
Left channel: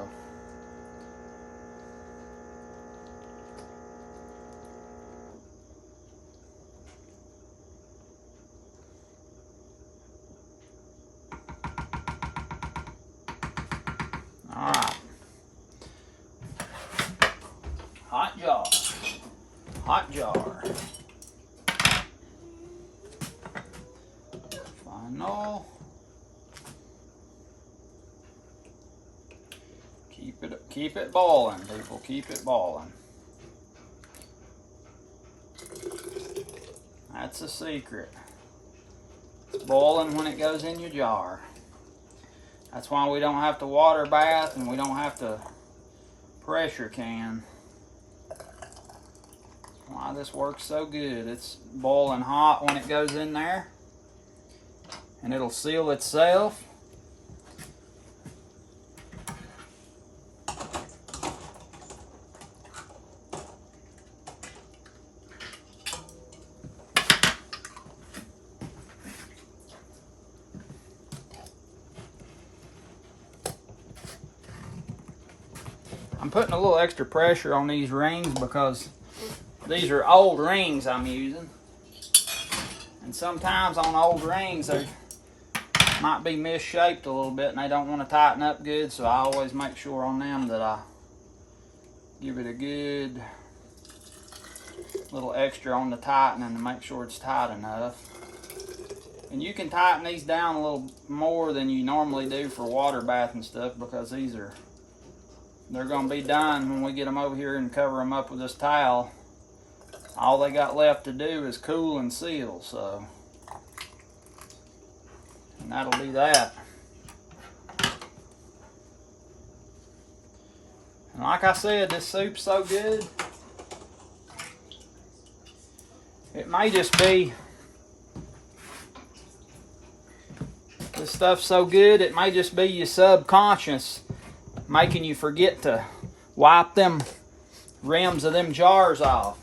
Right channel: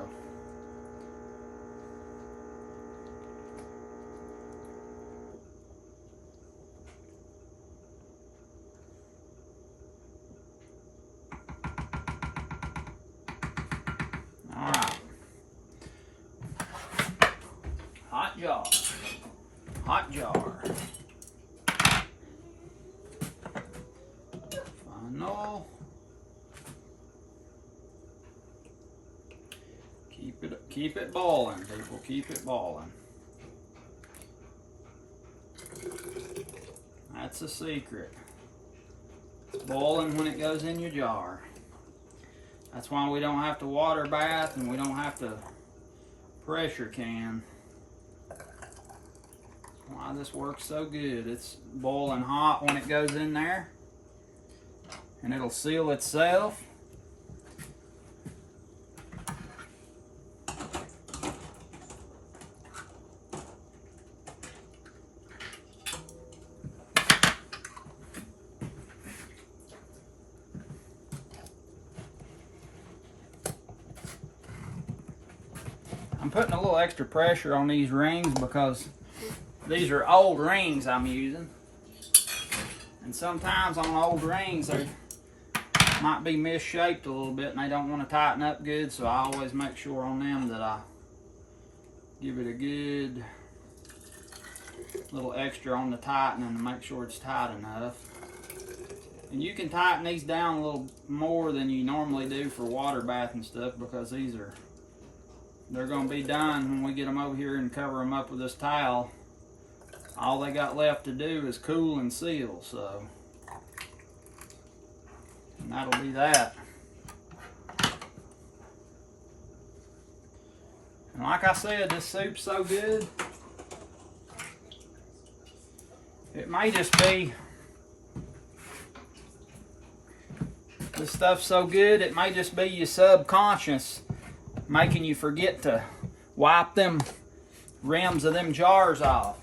all right. Hot jar. Final. Keep it boiling, people. Keep it boiling. That's the secret. It's boiling when it goes in your jar. That's why we don't have to water bath and we don't have to pressure can. That's why this works so good. It's boiling hot when it goes in there, and it'll seal itself. I'm putting a little extra pressure on these rings because these are old rings I'm using. And sometimes on old rings they might be misshaped a little bit and they don't want to tighten up good, so I always make sure on them that I give it a good little extra on the tightening to make sure it's tight enough. And you can tighten these down a little more than you normally do for water bath and stuff, because they're going to be done when we get them over here and cover them up with this towel. All they got left to do is cool and seal, so. And that'll be that. And like I said, this soup's so good. It may just be, this stuff's so good, it may just be your subconscious making you forget to wipe them rims of them jars off.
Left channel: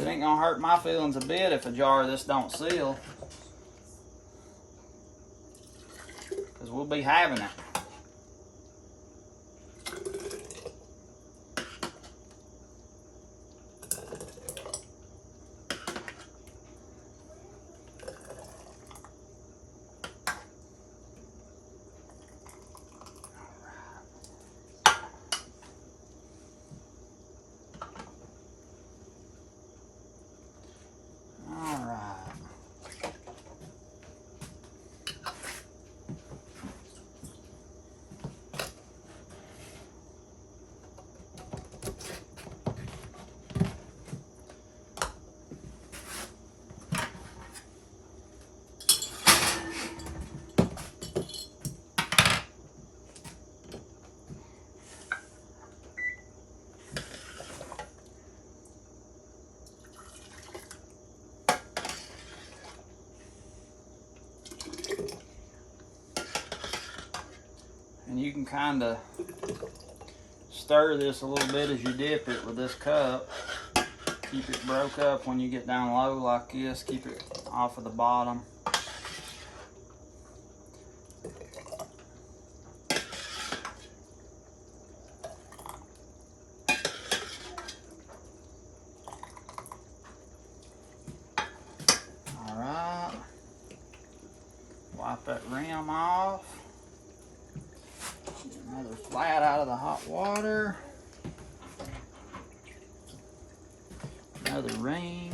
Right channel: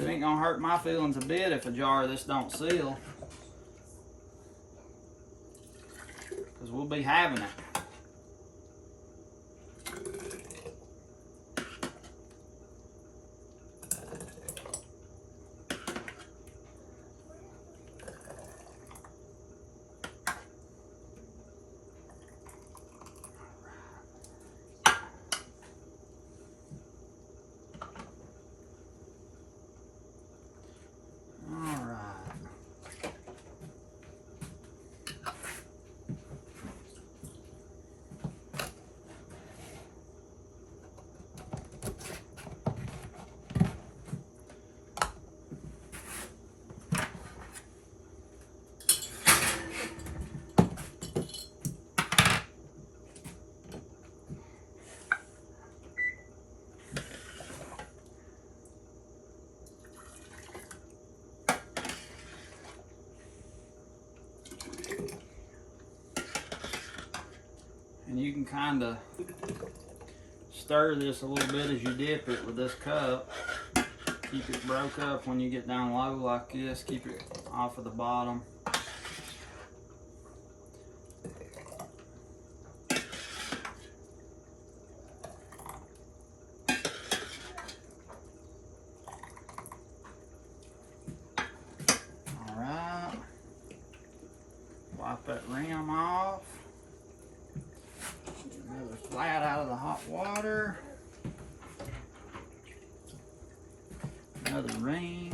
It ain't gonna hurt my feelings a bit if a jar of this don't seal. Because we'll be having it. And you can kind of stir this a little bit as you dip it with this cup. Keep it broke up when you get down low like this. Keep it off of the bottom. All right. Wipe that rim off. Another flat out of the hot water. Another ring.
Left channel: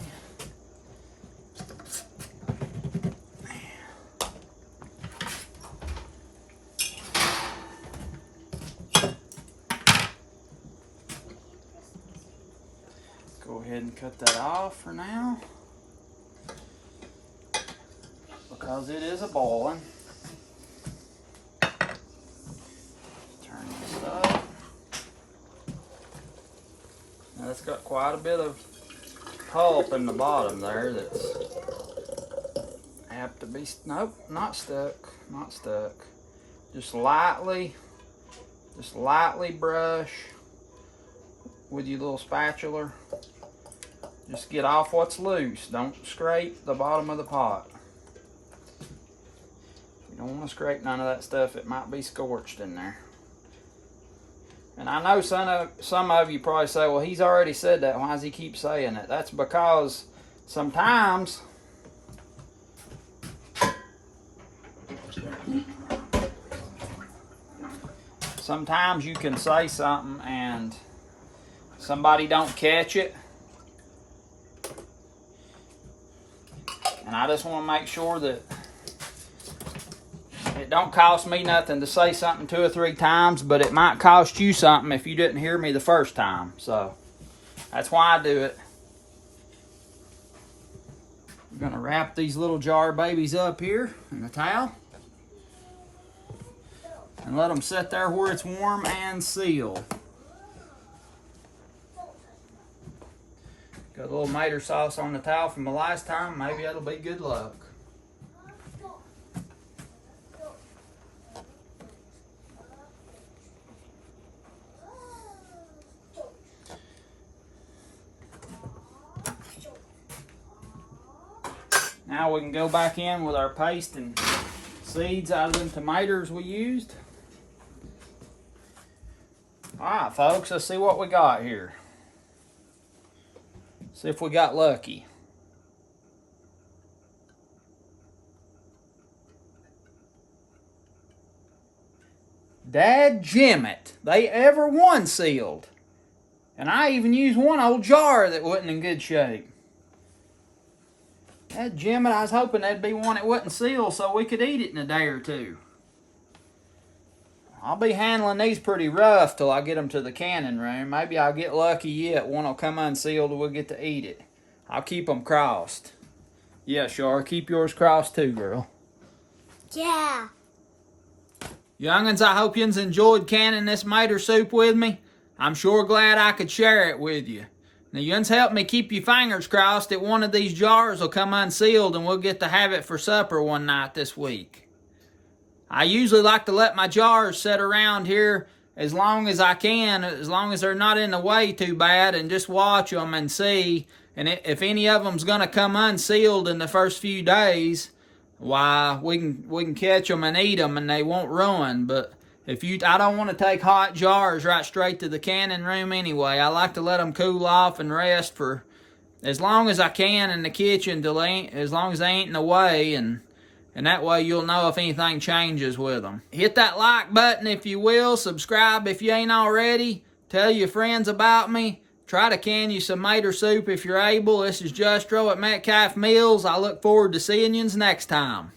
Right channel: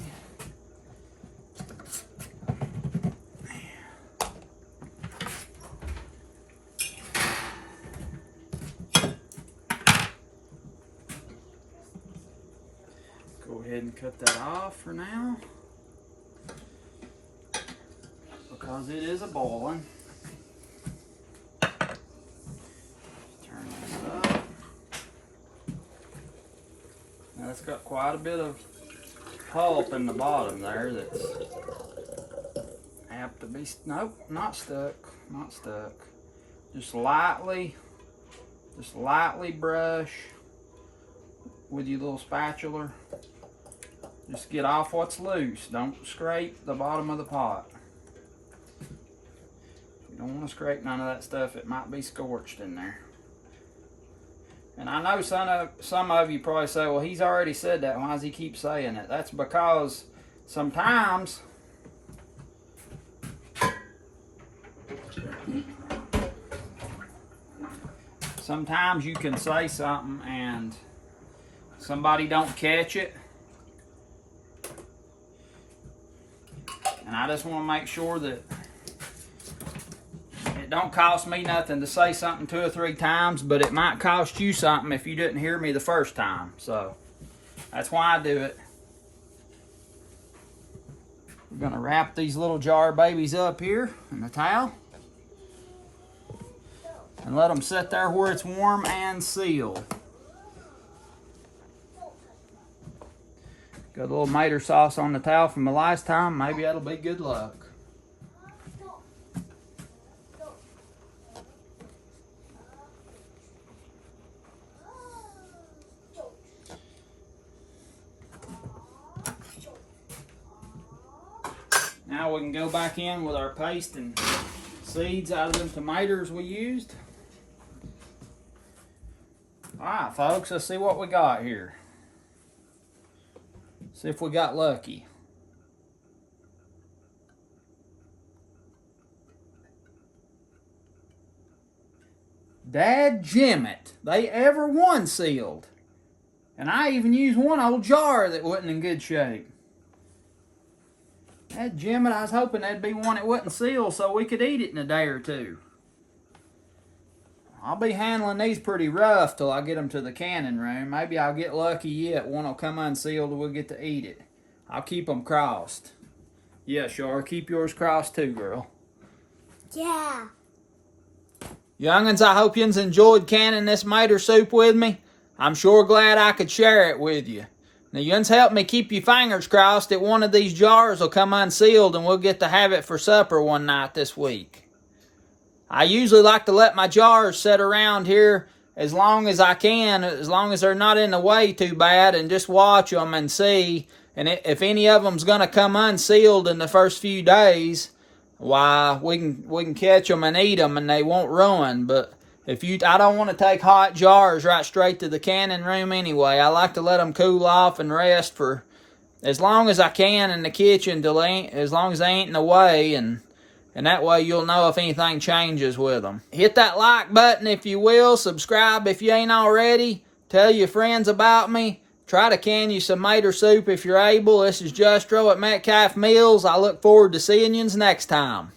Go ahead and cut that off for now, because it is a boiling. It's got quite a bit of pulp in the bottom there that's apt to be, nope, not stuck, not stuck. Just lightly brush with your little spatula. Just get off what's loose. Don't scrape the bottom of the pot. You don't want to scrape none of that stuff. It might be scorched in there. And I know some of you probably say, well, he's already said that. Why does he keep saying it? That's because sometimes you can say something and somebody don't catch it. And I just want to make sure that it don't cost me nothing to say something 2 or 3 times, but it might cost you something if you didn't hear me the first time. So that's why I do it. I'm gonna wrap these little jar babies up here in a towel and let them sit there where it's warm and sealed. Got a little tomato sauce on the towel from the last time. Maybe that'll be good luck. Now we can go back in with our paste and seeds out of them tomatoes we used. Alright folks, let's see what we got here. See if we got lucky. Dadjimmit, they ever one sealed. And I even used one old jar that wasn't in good shape. Dadjimmit, I was hoping that'd be one that wasn't sealed so we could eat it in a day or two. I'll be handling these pretty rough till I get them to the canning room. Maybe I'll get lucky yet. One will come unsealed and we'll get to eat it. I'll keep them crossed. Yeah, Shar, keep yours crossed too, girl. Yeah. Young'uns, I hope yous enjoyed canning this tomato soup with me. I'm sure glad I could share it with you. Now, you help me keep your fingers crossed that one of these jars will come unsealed and we'll get to have it for supper one night this week. I usually like to let my jars sit around here as long as I can, as long as they're not in the way too bad, and just watch them and see. And if any of them's going to come unsealed in the first few days, why, we can catch them and eat them and they won't ruin. But I don't want to take hot jars right straight to the canning room anyway. I like to let them cool off and rest for as long as I can in the kitchen, as long as they ain't in the way, and that way you'll know if anything changes with them. Hit that like button if you will. Subscribe if you ain't already. Tell your friends about me. Try to can you some tomato soup if you're able. This is Justro at Metcalf Mills. I look forward to seeing yous next time.